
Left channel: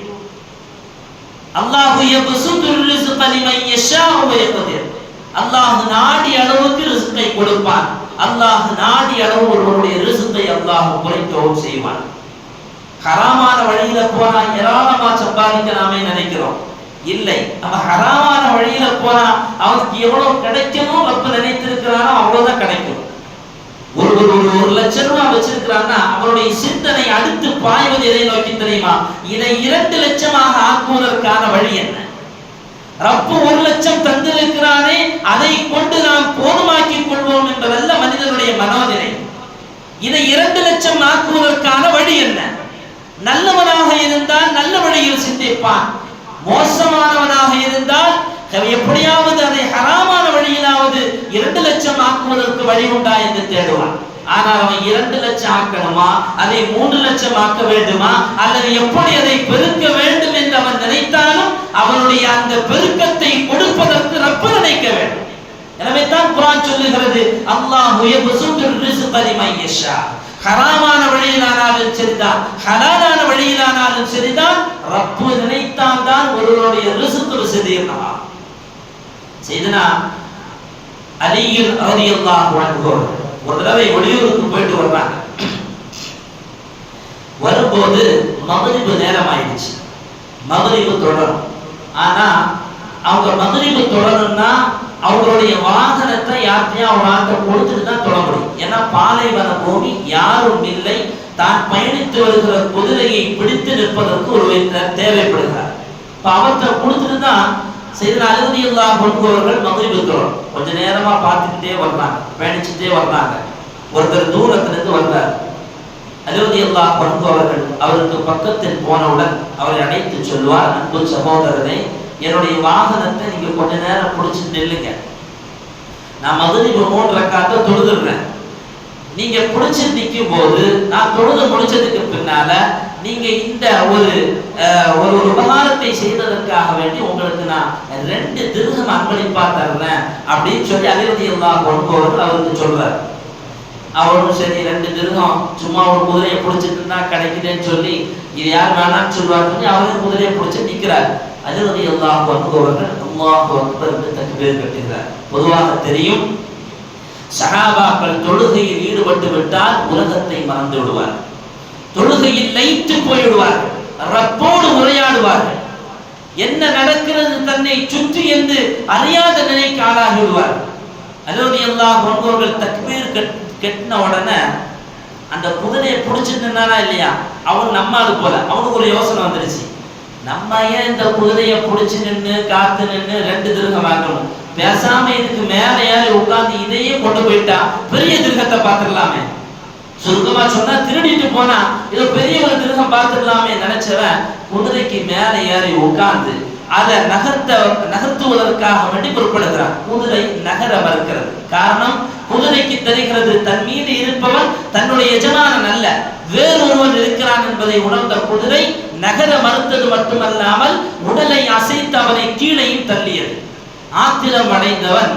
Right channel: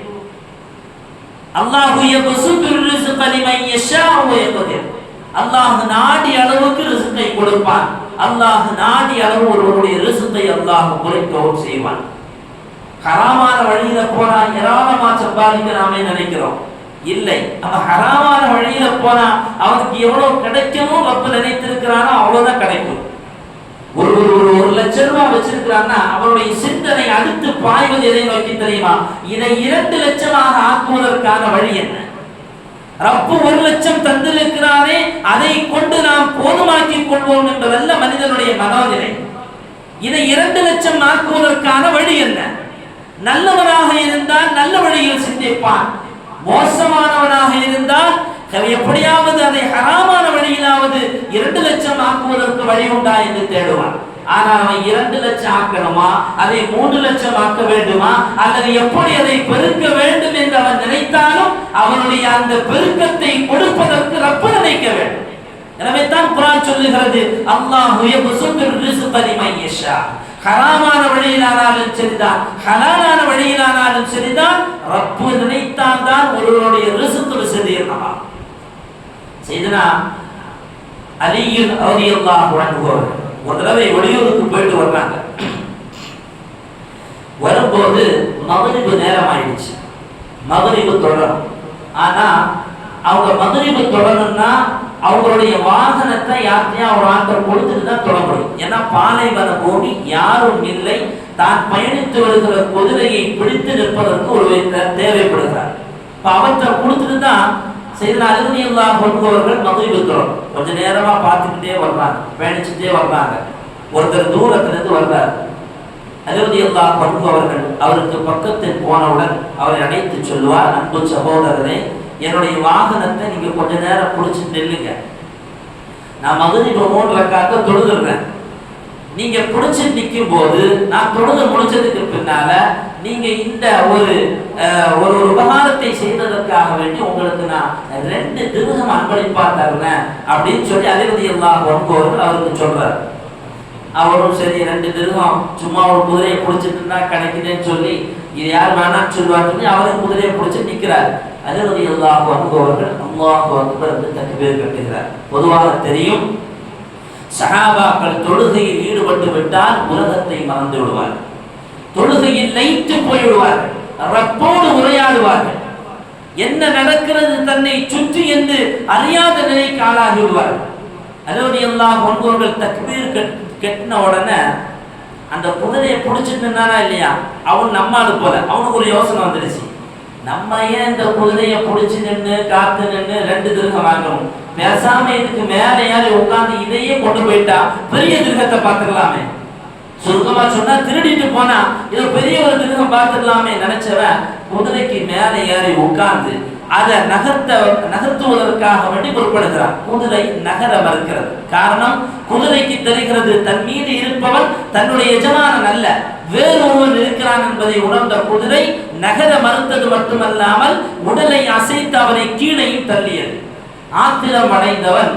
அல்லாஹு யப்சுத்து ரிசுபதி மையஷா உபயோகத்தில் அல்லாஹ் நாடி அளவுக்கு ரிசுப்பை கொடுப்பான். அல்லாஹ் நாடி அளவு ஒருவருடைய ரிஸ்கை அல்லாஹ் குறைத்தோம் செய்வான். ஹராமான வழியில போனா ஏராளமா சம்பாதிக்க நாமே நினைக்கிறோம். இல்லை. அவன் ஹராமான வழியில போனா அவனுக்கு எவ்வளவு கிடைக்குமோ ரப்ப நினைத்திருக்கிறானோ அவ்வளவுதான் கிடைக்கும். ஒரு ஒரு ஒரு ஒரு லட்சம் ரூபாய் வச்சிருக்கிறான்னா அவனுடைய சிந்தனை அடுத்து பாய்வது எதை நோக்கி தெரியுமா? இதை இரண்டு லட்சமாக ஆக்குவதற்கான வழி என்ன? ரப்பு ஒரு லட்சம் தந்திருக்கிறானே அதை கொண்டு நாம் போதுமாக்கிக் கொள்வோம் என்பதல்ல மனிதனுடைய மனோநிலை. இதை இரண்டு லட்சம் ஆக்குவதற்கான வழி என்ன? நல்லவனாக இருந்தால் நல்ல வழியில் சிந்திப்பான். மோசமானவனாக இருந்தால் எப்படியாவது அதை ஹராமான வழியிலாவது இரண்டு லட்சம் ஆக்குவதற்கு வழி உண்டா என்று தேடுவான். ஆனால் அவன் இரண்டு லட்சம் ஆக்கணுமா? அதை மூன்று லட்சம் ஆக்க வேண்டுமா? அல்லது எப்படி அதை பெருக்க வேண்டும் என்று அவன் நினைத்தாலும் அவனுடைய அந்த பெருக்கத்தை கொடுப்பதற்கு ரப்பு நினைக்க வேண்டும். எனவே தான் குரான் சொல்லுகிறது அல்லாஹ் ஹராமான வழியிலானாலும் சரிதான். ஹலாலான வழியிலானாலும் சரிதான். ரப்பு நினைத்தான் தான் ஒருவருடைய ரிசுக்கு விசதீர்ணமா செய்தனா அலியில் அவதியெல்லாம் வழங்குவோம் ஒரு தடவை வெளியூருக்கு போயிட்டு வர்றாங்க. வரும்போது மகரிபு நேரம் ஆயிடுச்சு மகரிபு தொடரும். ஆனா அவங்க மகரிபு தொடரும்னா அவங்களுடைய வாகனத்தை யார்கிட்டையும் ஒரு ஆற்ற கொடுத்துட்டு தான் தொட முடியும். ஏன்னா பாலைவன பூமி யாரும் இல்லை. தான் பயணித்து வருகிற குதிரையை பிடித்து நிற்பதற்கு ஒரு தேவைப்படுகிறார். இப்ப அவற்றை கொடுத்துட்டு தான் செய்தன இல்லா கொள்பவர்கள் மதுரை விற்கிறோம் கொஞ்ச நேரமா பார்த்துக்கிட்டே வர்றாங்க. பயணிச்சுட்டே வர்றாங்க. ஒருத்தர் தூரத்திலிருந்து வந்தார் வர்றார் அல்லா கொள்பவர்கள் அவருக்கு பக்கத்தில் போனவுடன் அவரை அழைத்து சொல்வார் அன்பு சகோதரனை என்னுடைய வாகனத்தை நீங்க கொஞ்ச நேரம் பிடிச்சி நில்லுங்க. நான் மதுரை மூணு ரக்காத்த தொழுதுடுறேன். நீங்க பிடிச்சி நிற்கும் போது நான் தொழுது முடிச்சதுக்கு பின்னால நீங்க இந்த ஒரு ஒரு ஒரு உபகாரத்தை செய்ததற்காக வேண்டி உங்களுக்கு நான் ரெண்டு திருகம் அன்பளிப்பா தர்றேன் அப்படின்னு சொல்லி அதிபதி எல்லாம் கொண்டவர்கள் அவருக்கு சொல்றாரு. அவரும் சரி ரெண்டு திருகம் சும்மா ஒரு குதிரையை பிடிச்சிட்டு இருந்தா கிடைக்குதுன்னு சொல்லி இது யார் வேணாம்னு சொல்லுவார் சொல்லி அவரே குதிரையை பிடிச்சி நிற்கிறாரு அதிரதி எல்லாம் அவர்கள் அல்லாஹ் அக்பர் என்று தக்பீர் கட்டுகிறார். பொதுவாக தெரியும் சஹாபாக்கள் தொழுகையில் ஈடுபட்டு விட்டால் உலகத்தை மறந்து விடுவார் தொழுகையில் லைத்து போய்விடுவார்கள். ரப்போடு உரையாடுவார்கள். என்ன நடக்கிறது தன்னை சுற்றி என்று அறியாத நிலைக்கு ஆளாகி விடுவார்கள் அதோடு எல்லாம் ஒன்பவர்கள் தக்பீர் கெட்டின உடனே அந்த குதிரையை பிடிச்சிட்டு இல்லையா? அவன் நம்மாடு போல. அவனுக்கு ஒரு யோசனை வந்துருச்சு. நம்ம ஏன் இந்த குதிரையை பிடிச்சி நின்று காத்து நின்று ரெண்டு திருகம் வாங்கணும்? பேசாம இதுக்கு மேல ஏறி உட்கார்ந்து இதையே கொண்டு போயிட்டா பெரிய திருகத்தை பார்த்துடலாமே. சுருக்கமா சொன்னா திருடிட்டு போனா இது பெரிய ஒரு திருகம் பார்த்துடலாமே நினைச்சவன் குதிரைக்கு மேல ஏறி உட்கார்ந்து அதை நகர்த்த நகர்த்துவதற்காக வேண்டி பொருட்படுகிறார் குதிரை நகர மறுக்கிறது. காரணம் குதிரைக்கு தெரிகிறது தன் மீது இருப்பவன் தன்னுடைய எஜமானன் அல்ல. வேறொருவன் இருக்கிறான் என்பதை உணர்ந்த குதிரை நகர மறுத்தது மட்டுமல்லாமல் உடலை அசைத்து அவனை கீழையும் தள்ளியது. ஆத்திரம் அடைந்தவன்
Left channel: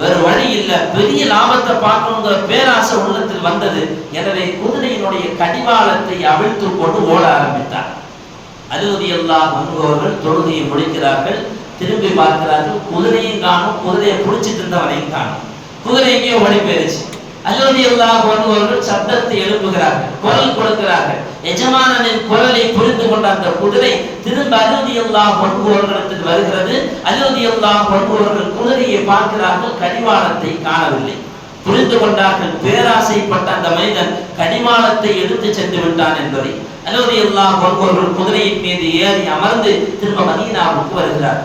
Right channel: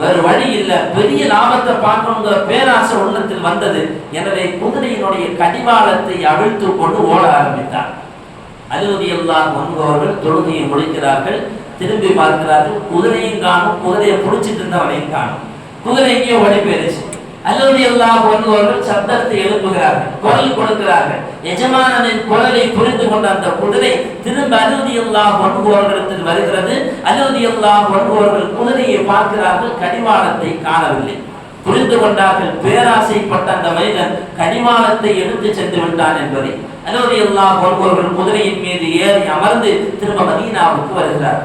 வேறு வழி இல்லை. பெரிய லாபத்தை பார்க்கணுங்கிற பேராசை உள்ளத்தில் வந்தது. எனவே குதிரையினுடைய கடிவாளத்தை அவிழ்த்து கொண்டு ஓட ஆரம்பித்தார். அலுவதி எல்லாம் முன்பவர்கள் தொழுகையை முடிக்கிறார்கள். திரும்பி பார்க்கிறார்கள். குதிரையும் காணும். குதிரையை பிடிச்சிட்டு இருந்தவனையும் காணும். குதிரை எங்கேயோ ஓடி போயிருச்சு. அல்லது எல்லாம் வருபவர்கள் சப்தத்தை எழுப்புகிறார்கள் குரல் கொடுக்கிறார்கள். எஜமானனின் குரலை புரிந்து கொண்ட அந்த குதிரை திரும்ப அலுவலி எல்லாம் வருபவர்களிடத்தில் வருகிறது. அலுவலி எல்லாம் வருபவர்கள் குதிரையை பார்க்கிறார்கள் கடிமானத்தை காணவில்லை. புரிந்து கொண்டார்கள் பேராசைப்பட்ட அந்த மனிதன் கடிமானத்தை எடுத்து சென்று விட்டான் என்பதை. அலுவலி எல்லாம் வருபவர்கள் குதிரையின் மீது ஏறி அமர்ந்து திரும்ப மதீனாவுக்கு வருகிறார்.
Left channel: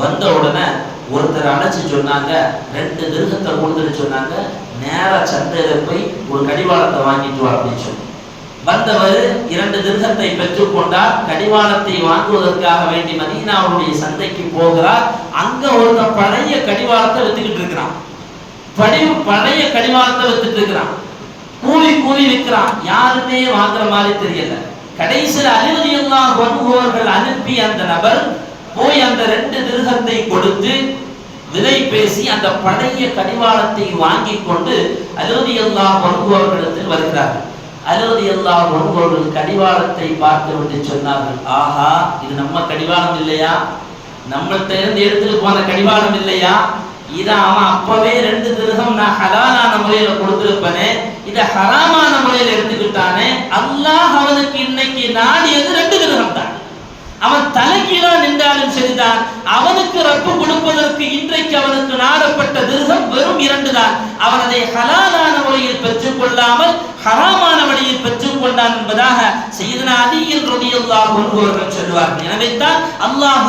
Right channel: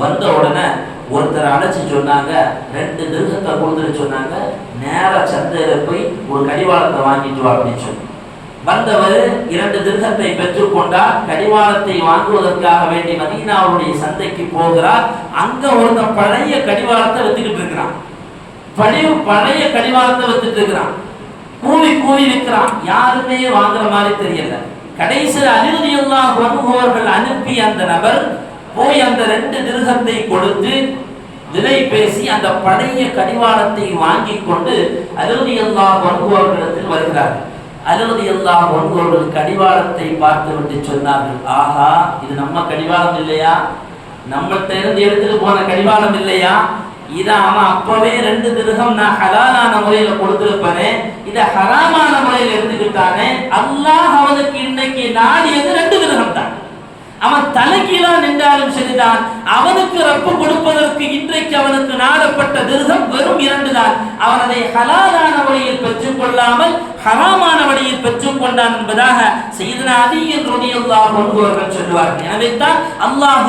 வந்த உடனே ஒருத்தர் அழைச்சி சொன்னாங்க ரெண்டு திருகத்தை கொடுத்துட்டு சொன்னாங்க நேராக சந்தையில் போய் ஒரு கடிவாளத்தை வாங்கிட்டு வா அப்படின்னு சொல்லி. வந்தவர் இரண்டு திருகத்தை பெற்றுக்கொண்டார் கடிவாளத்தை வாங்குவதற்காக வேண்டி மதீனாவுடைய சந்தைக்கு போகிறார். அங்க ஒருத்தன் பழைய கடிவாளத்தை வித்துக்கிட்டு இருக்கிறான். படி பழைய கடிவாளத்தை வித்துட்டு இருக்கிறான். கூவி கூவி விற்கிறான். யாருமே வாங்குற மாதிரி தெரியல. கடைசியில் அலிவதியெல்லாம் வருபவர்கள் அனுப்பி அந்த நபர் போய் அந்த ரெண்டு திருகத்தை கொடுத்து விலை பேசி அந்த பழைய கடிவாளத்தை வாங்கி கொண்டு அலோதி எல்லா வருபவர்களிடத்தில் வருகிறார்கள். அலோதி எல்லா வருபவர்கள் கடிவாளத்தை பார்த்து விட்டு சொன்னார்கள் ஆஹா இது நம்ம கடிவாளம் இல்லையா? நம்மள்கிட்ட இருந்து எடுத்துட்டு போன கடிவாளம் இல்லையா? இதை அவன் அப்பவே ரெண்டு திருகம் நான் ஹலாலான முறையில கொடுத்துருப்பனே இதை ஹராமான முறையில் எடுத்துக்கிட்டானே அல்லாஹ் அவனுக்கு இன்னைக்கு நாடியது ரெண்டு திருகம் தான். அவன் தலைகீழா நின்றாலும் சரிதான். அவனுக்கு ரப்பு கொடுப்பதற்கு இன்றைக்கு அவனுக்கு நாடப்பட்ட திருகம் வெறும் இரண்டு தான் அவன் அதை ஹலாலான வழியில் பெற்றுக் கொள்ளாமல் ஹராமான வழியில் பெற்றுக் கொண்டான் என்பதாக செய்தன அதியில் ரலியல்லாஹு அன்ஹுவர்கள் சொல்வார்கள் எனவே தான் அல்லாஹ்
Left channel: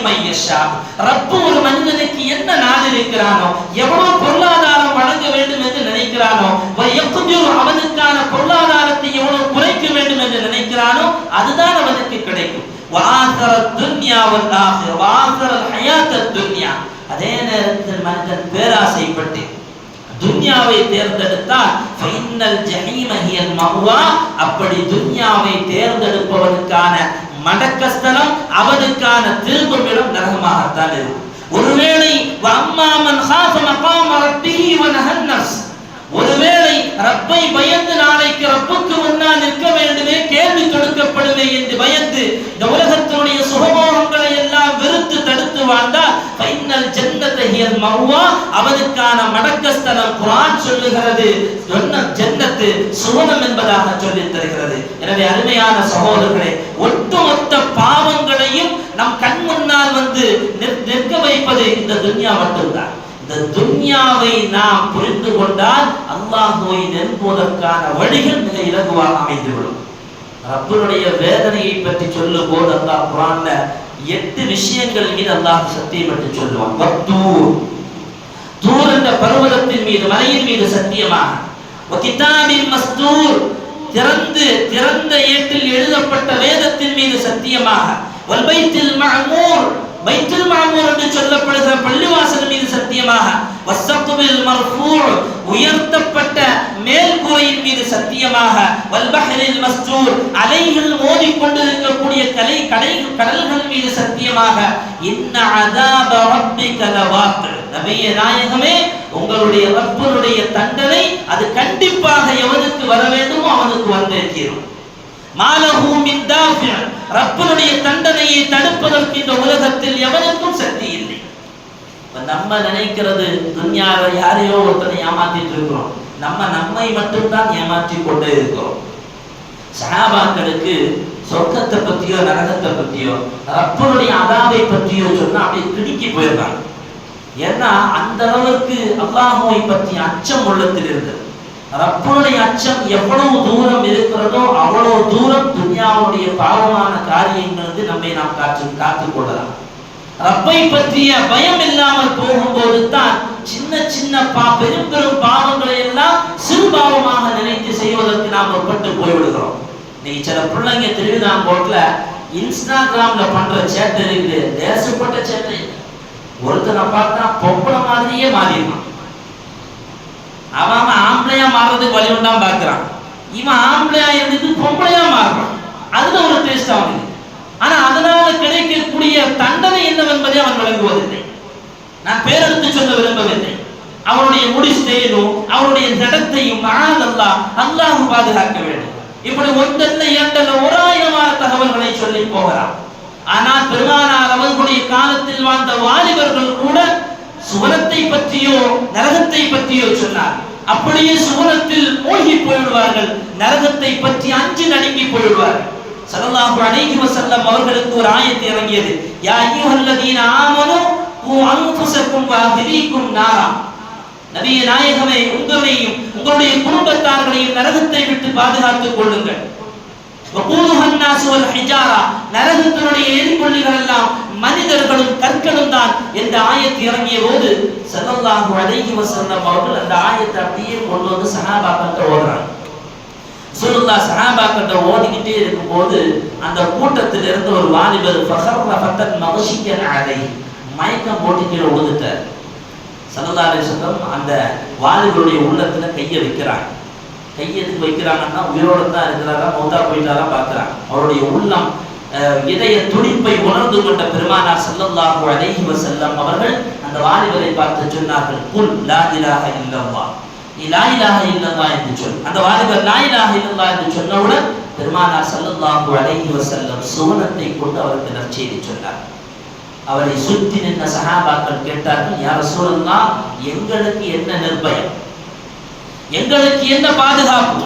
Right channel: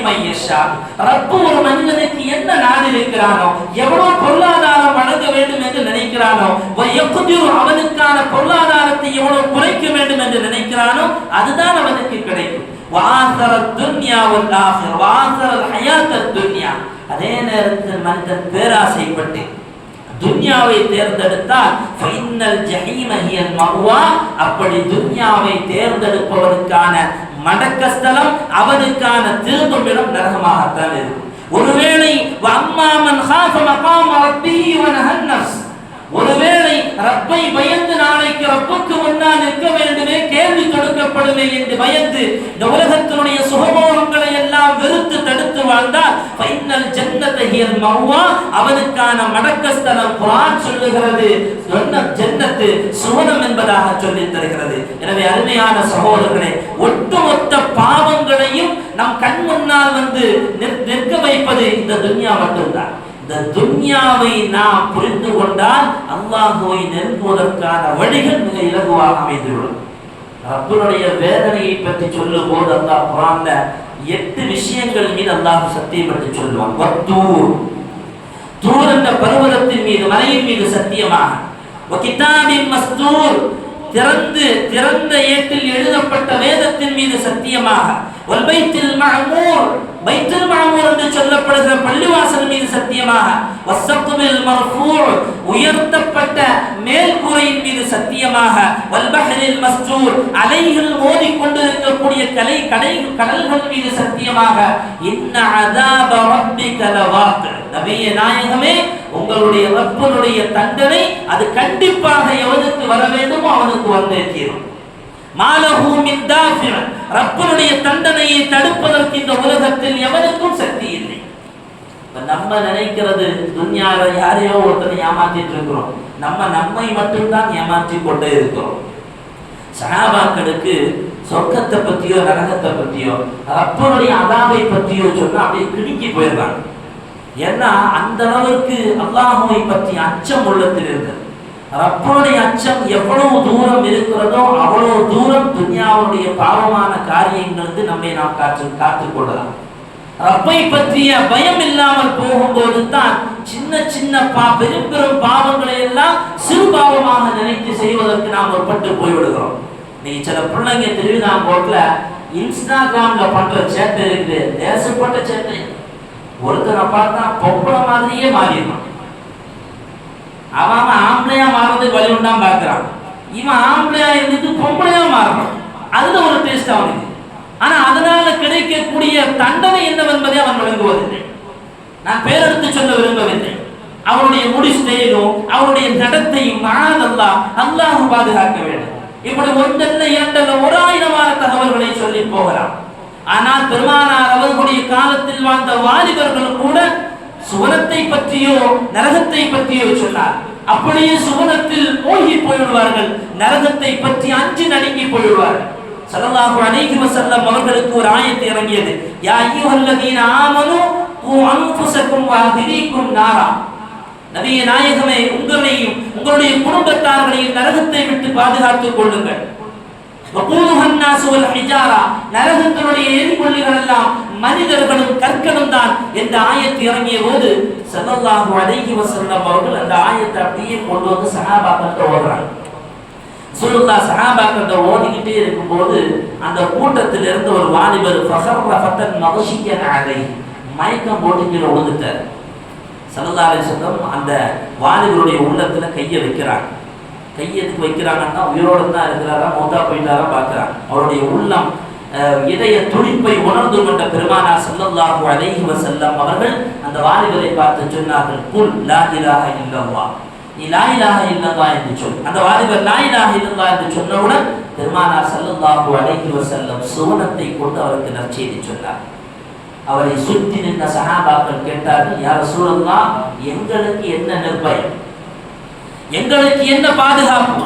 யப்சுத்துர் ரப்பு ஒரு மனிதனுக்கு என்ன நாள் இருக்கிறானோ எவ்வளவு பொருளாதாரம் வழங்க வேண்டும் என்று நினைக்கிறானோ அவனுக்கான பொருளாதாரத்தை எவ்வளவு குறைக்க வேண்டும் என்று நினைக்கிறானோ அதுதான் அவனுக்கு கிடைக்கும். வாசர துன்யா வாசர ஹயாத்த துன்யா. அதே நேரத்தில் மனிதன் பேராசைப்பட்டு துன்யாவை தேர்ந்தெடுத்தால் ஃபைனல் ஜஹீம மஹ்வா அப்படி துன்யாவை தேர்ந்தெடுப்பவனுக்கான மடக்கஸ்தலம் அவனுக்கான திரும்பும் இடம் நரகமாகத்தான் இருக்கும் ஒருவேளை அம்மாமன் ஹாஃப மகாம் ரப்பிஹி வ ஒருவேளை ரப்பை பயந்து நாளைக்கு ரப்புக்கு முன்னால் நிற்க வேண்டுமே கேள்வி தொடுக்கப்படுமே என்று பயந்து இந்த உலகத்தினுடைய சுகபோகங்களை எல்லாம் வெறுத்து தடுத்து வாழ்ந்தால் பைனல் ஜன்னத ஹியல் மஹ்வா அவனுக்கான மடக்கஸ்தலம் குரான் சொல்லுகிறது. சொன்ன ஜன்னத்து சுவனம் என்பதாக சொல்லி தருகிறது. எனவே அருமையான சகோதரர்களே ஒட்டுமொத்த பாவங்களையும் நம் கண் முன்னால் வந்து நிற்க வைப்பது இந்த துன்யா மட்டும்தான். இந்த துன்யாவை நாம் புரிந்து கொண்டால் அல்லாஹுவை நெருங்குவதற்கான வழிகள் மிக இலகுவாக அமைந்துவிடும். ரப்பனுடைய வேதனையை பற்றி சொல்லும் போது அல்லாஹ் குரான்ல எட்டு விஷயங்கள் மீது அல்லாஹ் சத்தியம் என்று சொல்லுவான். வத்தூர். தூர் என்ற பருவதத்தின் மீது மலையின் மீது சத்தியமாக. வகிதாபின் மஸ்தூர். திறந்து திறந்த ஏட்டில் எழுதப்பட்ட வேதத்தின் மீது சத்தியமாக. வல்பைத்தில் மஅமூர். பைத்துல் மாமூர் என்று சொல்லப்படுகிற பள்ளிவாசல் மீது சத்தியமாக வசத்துவில் மர்ஃபூர் உயர்த்தப்பட்ட மேல் கூரையின் மீது சத்தியமாக வல்பஹரில் மஸ்தூர் அலைகள் மோதிக்கொண்டிருக்கக்கூடிய கலை கடை கடல்கள் மீது சத்தியமாக இன்ன அதாப ரப்பிக லவாक़ி நபிய நாயகமே உங்களுடைய ரப்பனுடைய தண்டனை அது கண்டிப்பாக எவனுக்கு வர வேண்டுமோ அவனுக்கு வந்தே தீரும் மாலஹூ ரப்பனுடைய தண்டனையை தடுப்பதற்கு இந்த உலகத்தில் எவனுக்கும் சக்தி இல்லை. இப்ப நம்ம நினைக்கிறது துன்யால யாரையோ ஒருத்தனை ஏமாத்திட்டு இருக்கிறோம். நம்ம நம்மை மட்டும்தான் ஏமாற்றி கொண்டே இருக்கிறோம். சஹாபாக்களுக்கு சொர்க்கத்தை பத்தியோ நரகத்தை பத்தியோ ரப்பனுடைய அதாவை பற்றியோ சொன்னால் அப்படியே கிடுக்கி போயிடுறாங்க. ஏன்னா அந்த அளவுக்கு அல்லாஹுவை பற்றி அச்சம் உள்ளத்தில் இருந்தது ரப்பனுடைய அச்சம் எவ்வளவு தூரம் இருக்கிறதோ அவ்வளவு தூரம் துன்யாவுடைய பாவமான காரியங்களுக்கு நம்மை நாம் காத்து காத்துக் கொள்ளலாம். ரப்பை பற்றிய பயம் இல்லாமல் போகும்போது தான் சின்ன சின்ன பா பெரும் பெரும் பாவங்களை எல்லாம் சிறு பாவமாக நினைத்து செய்வதற்கு நாம் பட்டு போய்விடுகிறோம். இன்னைக்கு சில பிள்ளைங்க திருவிதாங்கோட்டில் இன்ஸ்டாகிராம்ல பண்ற சேட்டை இருக்குது தேசப்பட்ட சேட்டை. ஒருத்தனை பார்த்தா பொம்பளை மாதிரியே மாறிடும் அவன் ஆம்பளையா மாறுறதுக்கு வழி உண்டான் பார்க்குறான். இவன் ஆம்பளையா இருந்துட்டு பொம்பளையா மாறுறான். அதுல ஒரு டேஸ்ட் அவனுக்கு. ஆனா அதனால கிடைக்கக்கூடிய தண்டனை என்னவென்பதை அவன் விளங்குவதில்லை. நான் பேரெடுத்து சொல்ல விரும்பவில்லை. அவனுடைய முடி ஸ்டைலும் அவனுடைய நடத்தையும் மகாதல்லா அல்லாஹ் பாதுகாக்க வேண்டும். இப்படி ஒன்றல்ல இரண்டல்ல ஒரு ஆயிரமான தகவல்களை சொல்லி போகலாம். ஆனால் பெருமானார் அவர்களுடைய காலத்தில் வாழ்ந்த வாலிபர்கள் கூட சுவனத்தை பற்றியோ நரகத்தை பற்றியோ சொன்னார்கள். சொன்னார் அப்படியே சுவனத்தில் மூழ்கி போய்விடுவார்கள். நரகத்தை பற்றி அஞ்சு நடுங்கி போய்விடுவார்கள். ஸல்லல்லாஹு அலைஹி வஸல்லம் அவர்களுக்கு ஒரு ஆயத்து இறங்கியது. யா அய்யுஹல்லதீன ஆமனு கூ அன்ஃபுஸக்கும் வஅஹ்லீக்கும் நாரா. நபியே நாயகமே உங்களையும் உங்களுடைய குடும்பத்தார்களையும் நரகத்தை விட்டு பாதுகாத்துக் கொள்ளுங்கள். நரகத்தினுடைய எரிபொள்ளிகள் எல்லாம் மனிதர்களும் கற்களும் தான் என்ற ஆயத்து இறங்கிய போது ஸல்லல்லாஹு அலைஹி வஸல்லம் அவர்கள் அந்த ஆயத்தை அப்படியே கொண்டு வந்து சஹாபாக்கள் ஓடுறாங்க சுருல்லா சஹாபாக்கிட்ட ஓதிக்கிட்டே இருக்கும்போது அந்த கூட்டத்தில் இருந்து ஒரு வாலிபர் ஃபஹர் ஃபத்தன் மகஷியன் அலை மயக்கம் போட்டு கீழே விழுந்துட்டார். சல்லல்லா அலிசல்லம் அந்த வாலிபருடைய உள்ளத்தில் கையை வைக்கிறாங்க. கை எதுக்கு வைக்கிறாங்கன்னா உயிரோடு தான் இருக்கிறாரா மௌத்தா போயிட்டாரா பார்க்குறாங்க. அவருடைய உள்ளம் இதய துடிப்பை உணர்ந்து கொண்ட பெருமானார் செல்லல்லாஹு அலைஹி செல்லம் அவர்கள் அந்த வாலிபரை பார்த்து சொன்னார்கள் குல் லா இலாஹ இல்லல்லாஹ். நீ லா இலாஹ என்று சொல். அந்த வாலிபர் லா இலாஹ என்று சொன்னவுடன் பெருமானார் செல்லல்லாஹு அலைஹி செல்லம் சுவனத்தை கொண்டு அவருக்கு நற்செய்தி சொன்னார். அவரை சுற்றி நின்ற சகாபாக்கள் கேட்டார்கள் யார் ரசூலல்லாஹ் எங்களுக்கு என்ன நிர்பயம் எங்களுக்கு என்ன பாதுகாப்பு?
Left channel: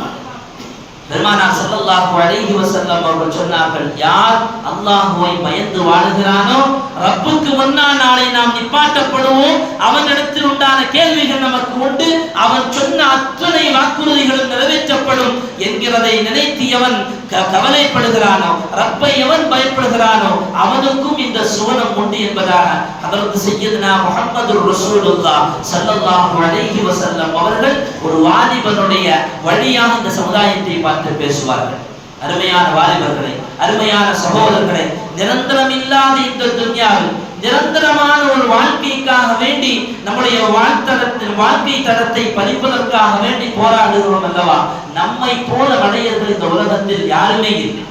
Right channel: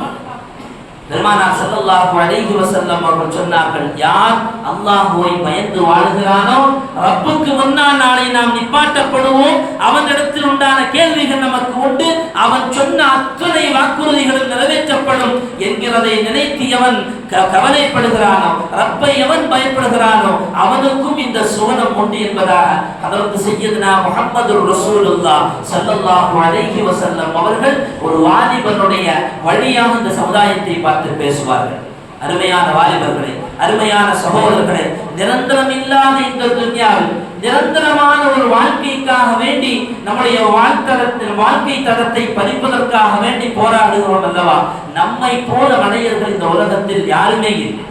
பெருமானார் ஸல்லல்லாஹு அலைஹி வஸல்லம் அவர்கள் சொன்னார்கள் யார் அல்லாஹுவை பயந்து வாழுகிறானோ ரப்புக்கு முன்னால் நாளை நாம் நிப்பாட்டப்படுவோம். அவனிடத்தில் உண்டான கேள்விகள் நமக்கு உண்டு. அவன் சொன்ன அத்தனை வாக்குறுதிகளும் நிறைவேற்றப்படும் என்கிறதை நினைத்தியவன் கவலைப்படுகிறானோ ரப்பை எவன் பயப்படுகிறானோ அவனுக்கும் இந்த சுவனம் உண்டு என்பதாக அதற்கு செய்யதுனா முகமது ரசூலுல்லா சல்லல்லாஹு அலைஹி வசல்லம் அவர்கள் ஒரு வாலிபனுடைய வழியாக இந்த சமுதாயத்தை பார்த்து பேசுவார்கள். அருமையான வாலிபர்களை அருமையான சகோதரர்களை நிரந்தரம் இல்லாத இந்த துன்யாவில் நிரந்தரமான ஒரு வாழ்க்கைக்காக வேண்டி நம்முடைய வாழ்த்தரத்தின் வாழ்க்கை தரத்தை பதிப்பதற்காக வேண்டி போராடுகிறோம் அல்லவா? நம்மை போல மனிதர்கள் இந்த உலகத்தில் யாருமே இல்லை.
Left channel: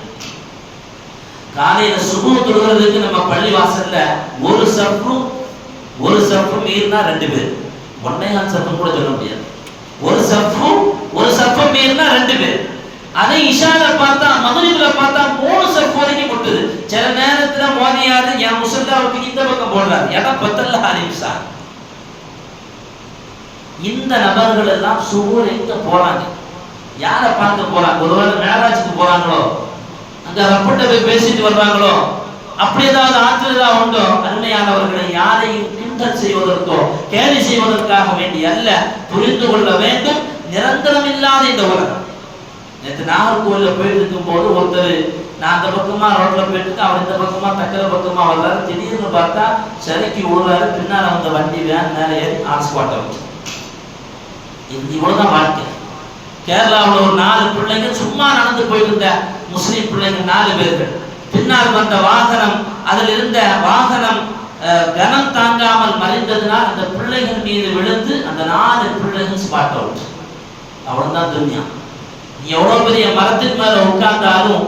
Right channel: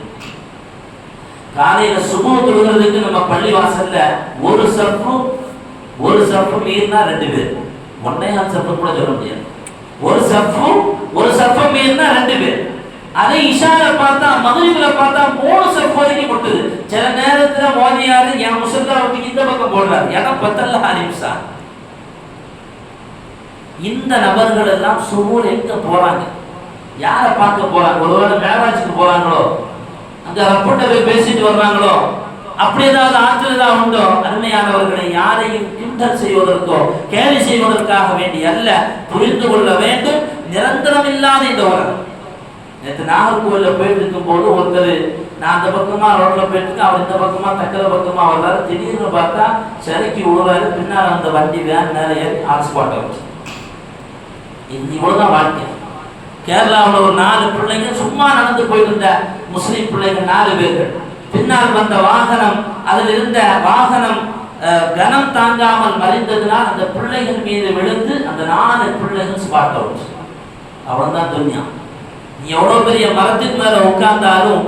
காலையில சுகம் தொழுகிறதுக்கு நம்ம பள்ளி வாசல்ல ஒரு சப்பும் ஒரு சப்பு மீறினா ரெண்டு பேர். ஒன்னையால் சப்பு கூட சொல்ல முடியாது. ஒரு சப்பு ஒரு சப்பு மீறினா ரெண்டு பேர். அதை இஷால பார்த்தா மதுரிபில பார்த்தா மூணு சப்பு வரைக்கும் கொட்டுது சில நேரத்துல மோதியாரு என் முசல்ல அவருக்கு இந்த பக்கம் போடுறாரு. இடம் பத்தல்ல ஆரம்பிச்சா இந்த நபர்கள் எல்லாம் சுகூர் எங்க போறாங்க? யாரை பார்க்க போறாங்க? ஒருவேளை மேராஜுக்கு போறாங்களோ? அங்க ரப்பட்ட போய் பேசிட்டு வர்றாங்களோ அப்படி ஏதாவது ஆற்றல் ஏதாவது உண்டோ? அருமையானவர்களை யாரையும் கிண்டல் செய்வதற்கோ கேலி செய்வதற்காக வேண்டி அல்ல புரிந்து கொள்ள வேண்டும். நிரந்தரம் இல்லாத இந்த உலகம். நேற்று நாகர்கோவில்ல போயிட்டு இருக்கும்போது ஒருத்தர் நான் அந்த பக்கமா ரோட்ல போயிட்டு இருக்கேன் அவர் இந்த பக்கமா தக்கல பக்கமா வர்றாரு. திடீர்னு பார்த்தா சிறைக்கு விழுவாரு. பின்னால வந்த வண்டி வேன் மேலே ஏறி ஆன் ஸ்பாட் இது இவ்வளவுதான் வாழ்க்கை. கேரளாவில் ஒரு நாலு பிள்ளைங்க சும்மா நடந்து போயிருந்த முஸ்லீம் பிள்ளைங்க நாலு பேர்கள். பின்னால் வந்த வாகனம் அதில் இருந்த வாகனம் கனம் தாங்காமல் மறைந்ததுனால் அந்த பிள்ளைகள் மீது விழுந்து அந்த நாலு பிள்ளைகள் ஸ்பாட் அவுட் அவ்வளவுதான் துன்யா. நீ எவ்வளோ பெரிய மரத்துக்கு மேலே உட்கார்ந்தாலும்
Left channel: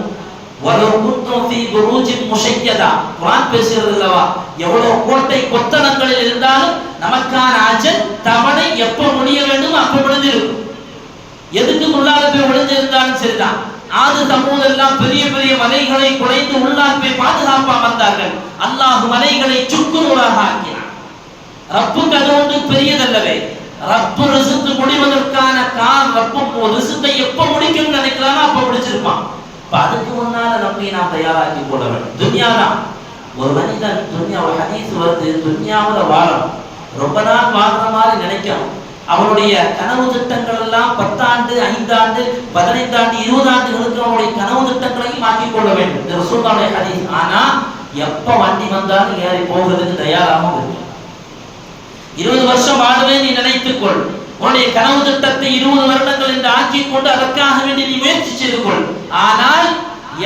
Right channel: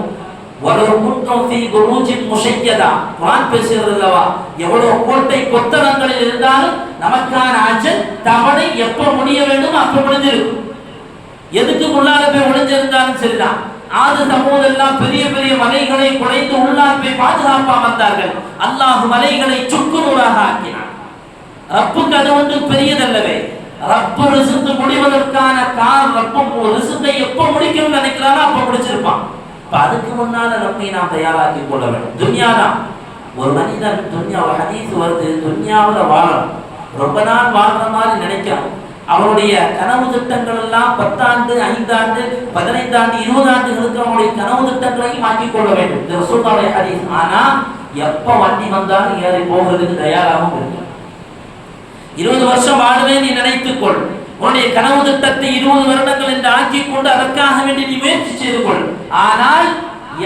ஒரு குன்றம் ஃபீ குரூஜின் முஷையதா? குரான் பேசுகிறது அல்லவா? எவ்வளோ கோட்டை கொத்தளங்களில் இருந்தாலும் நமக்கான அஜல் தவணை எப்போ முடிய வேண்டும் அப்போ முடிஞ்சிருக்கும் எதுக்கு உள்ளால போய் ஒளிஞ்சிருந்தாலும் சரிதான். ஆது சமூதெல்லாம் பெரிய பெரிய மலைகளை குலைந்து உள்ளால் போய் பாதுகாப்பா வந்தார்கள் அல்லாஹு மலைகளை சுக்கு நூறாக ஆக்கினான். ரப்புக்கு அது ஒன்று பெரியதல்லவே. ரப்பு ரிசுத்து முடிவதற்கான கால் ரப்பு ரிசுத்தை எப்ப முடிக்கும் நினைக்கிறானோ அப்ப முடிச்சிருப்பான். இப்போ அதுக்கு முன்னால நம்மை நாம் தயாராக்கி கொள்ள வேண்டும். துன்யா தான் ஒரு மனிதன் துன்யா ஒரு ஹதீஸ் வருது துன்யாவில் வாழணும். ரொம்ப நாள் வாழ்ற மாதிரி நினைக்கிறோம் அவனுடைய கனவு திட்டங்கள் எல்லாம் பத்தாண்டு ஐந்தாண்டு பதினைந்தாண்டு இருபது ஆண்டுகளுக்கு அவனுடைய கனவு திட்டங்களையும் மாற்றிக் கொள்ள வேண்டும். இந்த ரசூலுல்லாஹி ஹதீஸ். ஆனா எப்ப வண்டி வந்தாலும் ஏறி போகிறதுக்கு தயாராகவும் இருக்கும் இருபது வருஷம் வாழவே நீ நினைத்துக்கொள். உன்னுடைய கனவு திட்டத்தை இருபது வருடங்கள் என்று ஆக்கிக் கொண்டு அதற்காக வேண்டி நீ முயற்சி செய்து கொள். ஆனால்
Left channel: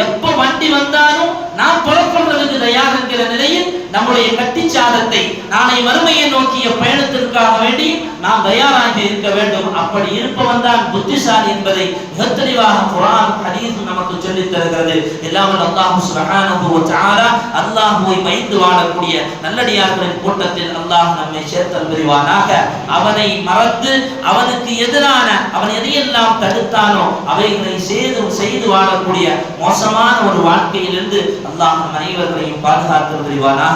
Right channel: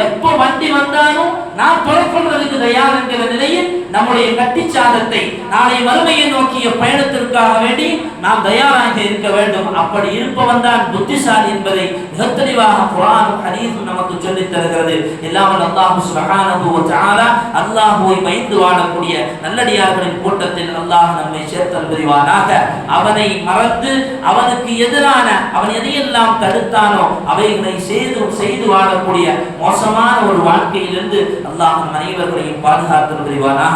எப்ப வண்டி வந்தாலும் நான் புறப்படுறதுக்கு தயார் என்கிற நிலையில் நம்முடைய கட்டிச்சாதத்தை நாளை வறுமையை நோக்கிய பயணத்திற்காக வேண்டி நாம் தயாராக இருக்க வேண்டும். அப்படி இருப்பவன் தான் புத்திசாலி என்பதை மிக தெளிவாக குரான் ஹதீஸும் நமக்கு சொல்லித் தருகிறது. இல்லாமல் அல்லாஹு சுப்ஹானஹு வ தஆலா அல்லாஹ்வை பயந்து வாழக்கூடிய நல்லடியார்களின் கூட்டத்தில் அல்லாஹ் நம்மை சேர்த்தல் புரிவானாக அவனை மறந்து அவனுக்கு எதிரான அவன் எதையெல்லாம் தடுத்தானோ அவைகளை செய்து செய்து வாழக்கூடிய மோசமான ஒரு வாழ்க்கையிலிருந்து அல்லாஹ் அனைவர்களையும் பாதுகாத்து புரிவானாக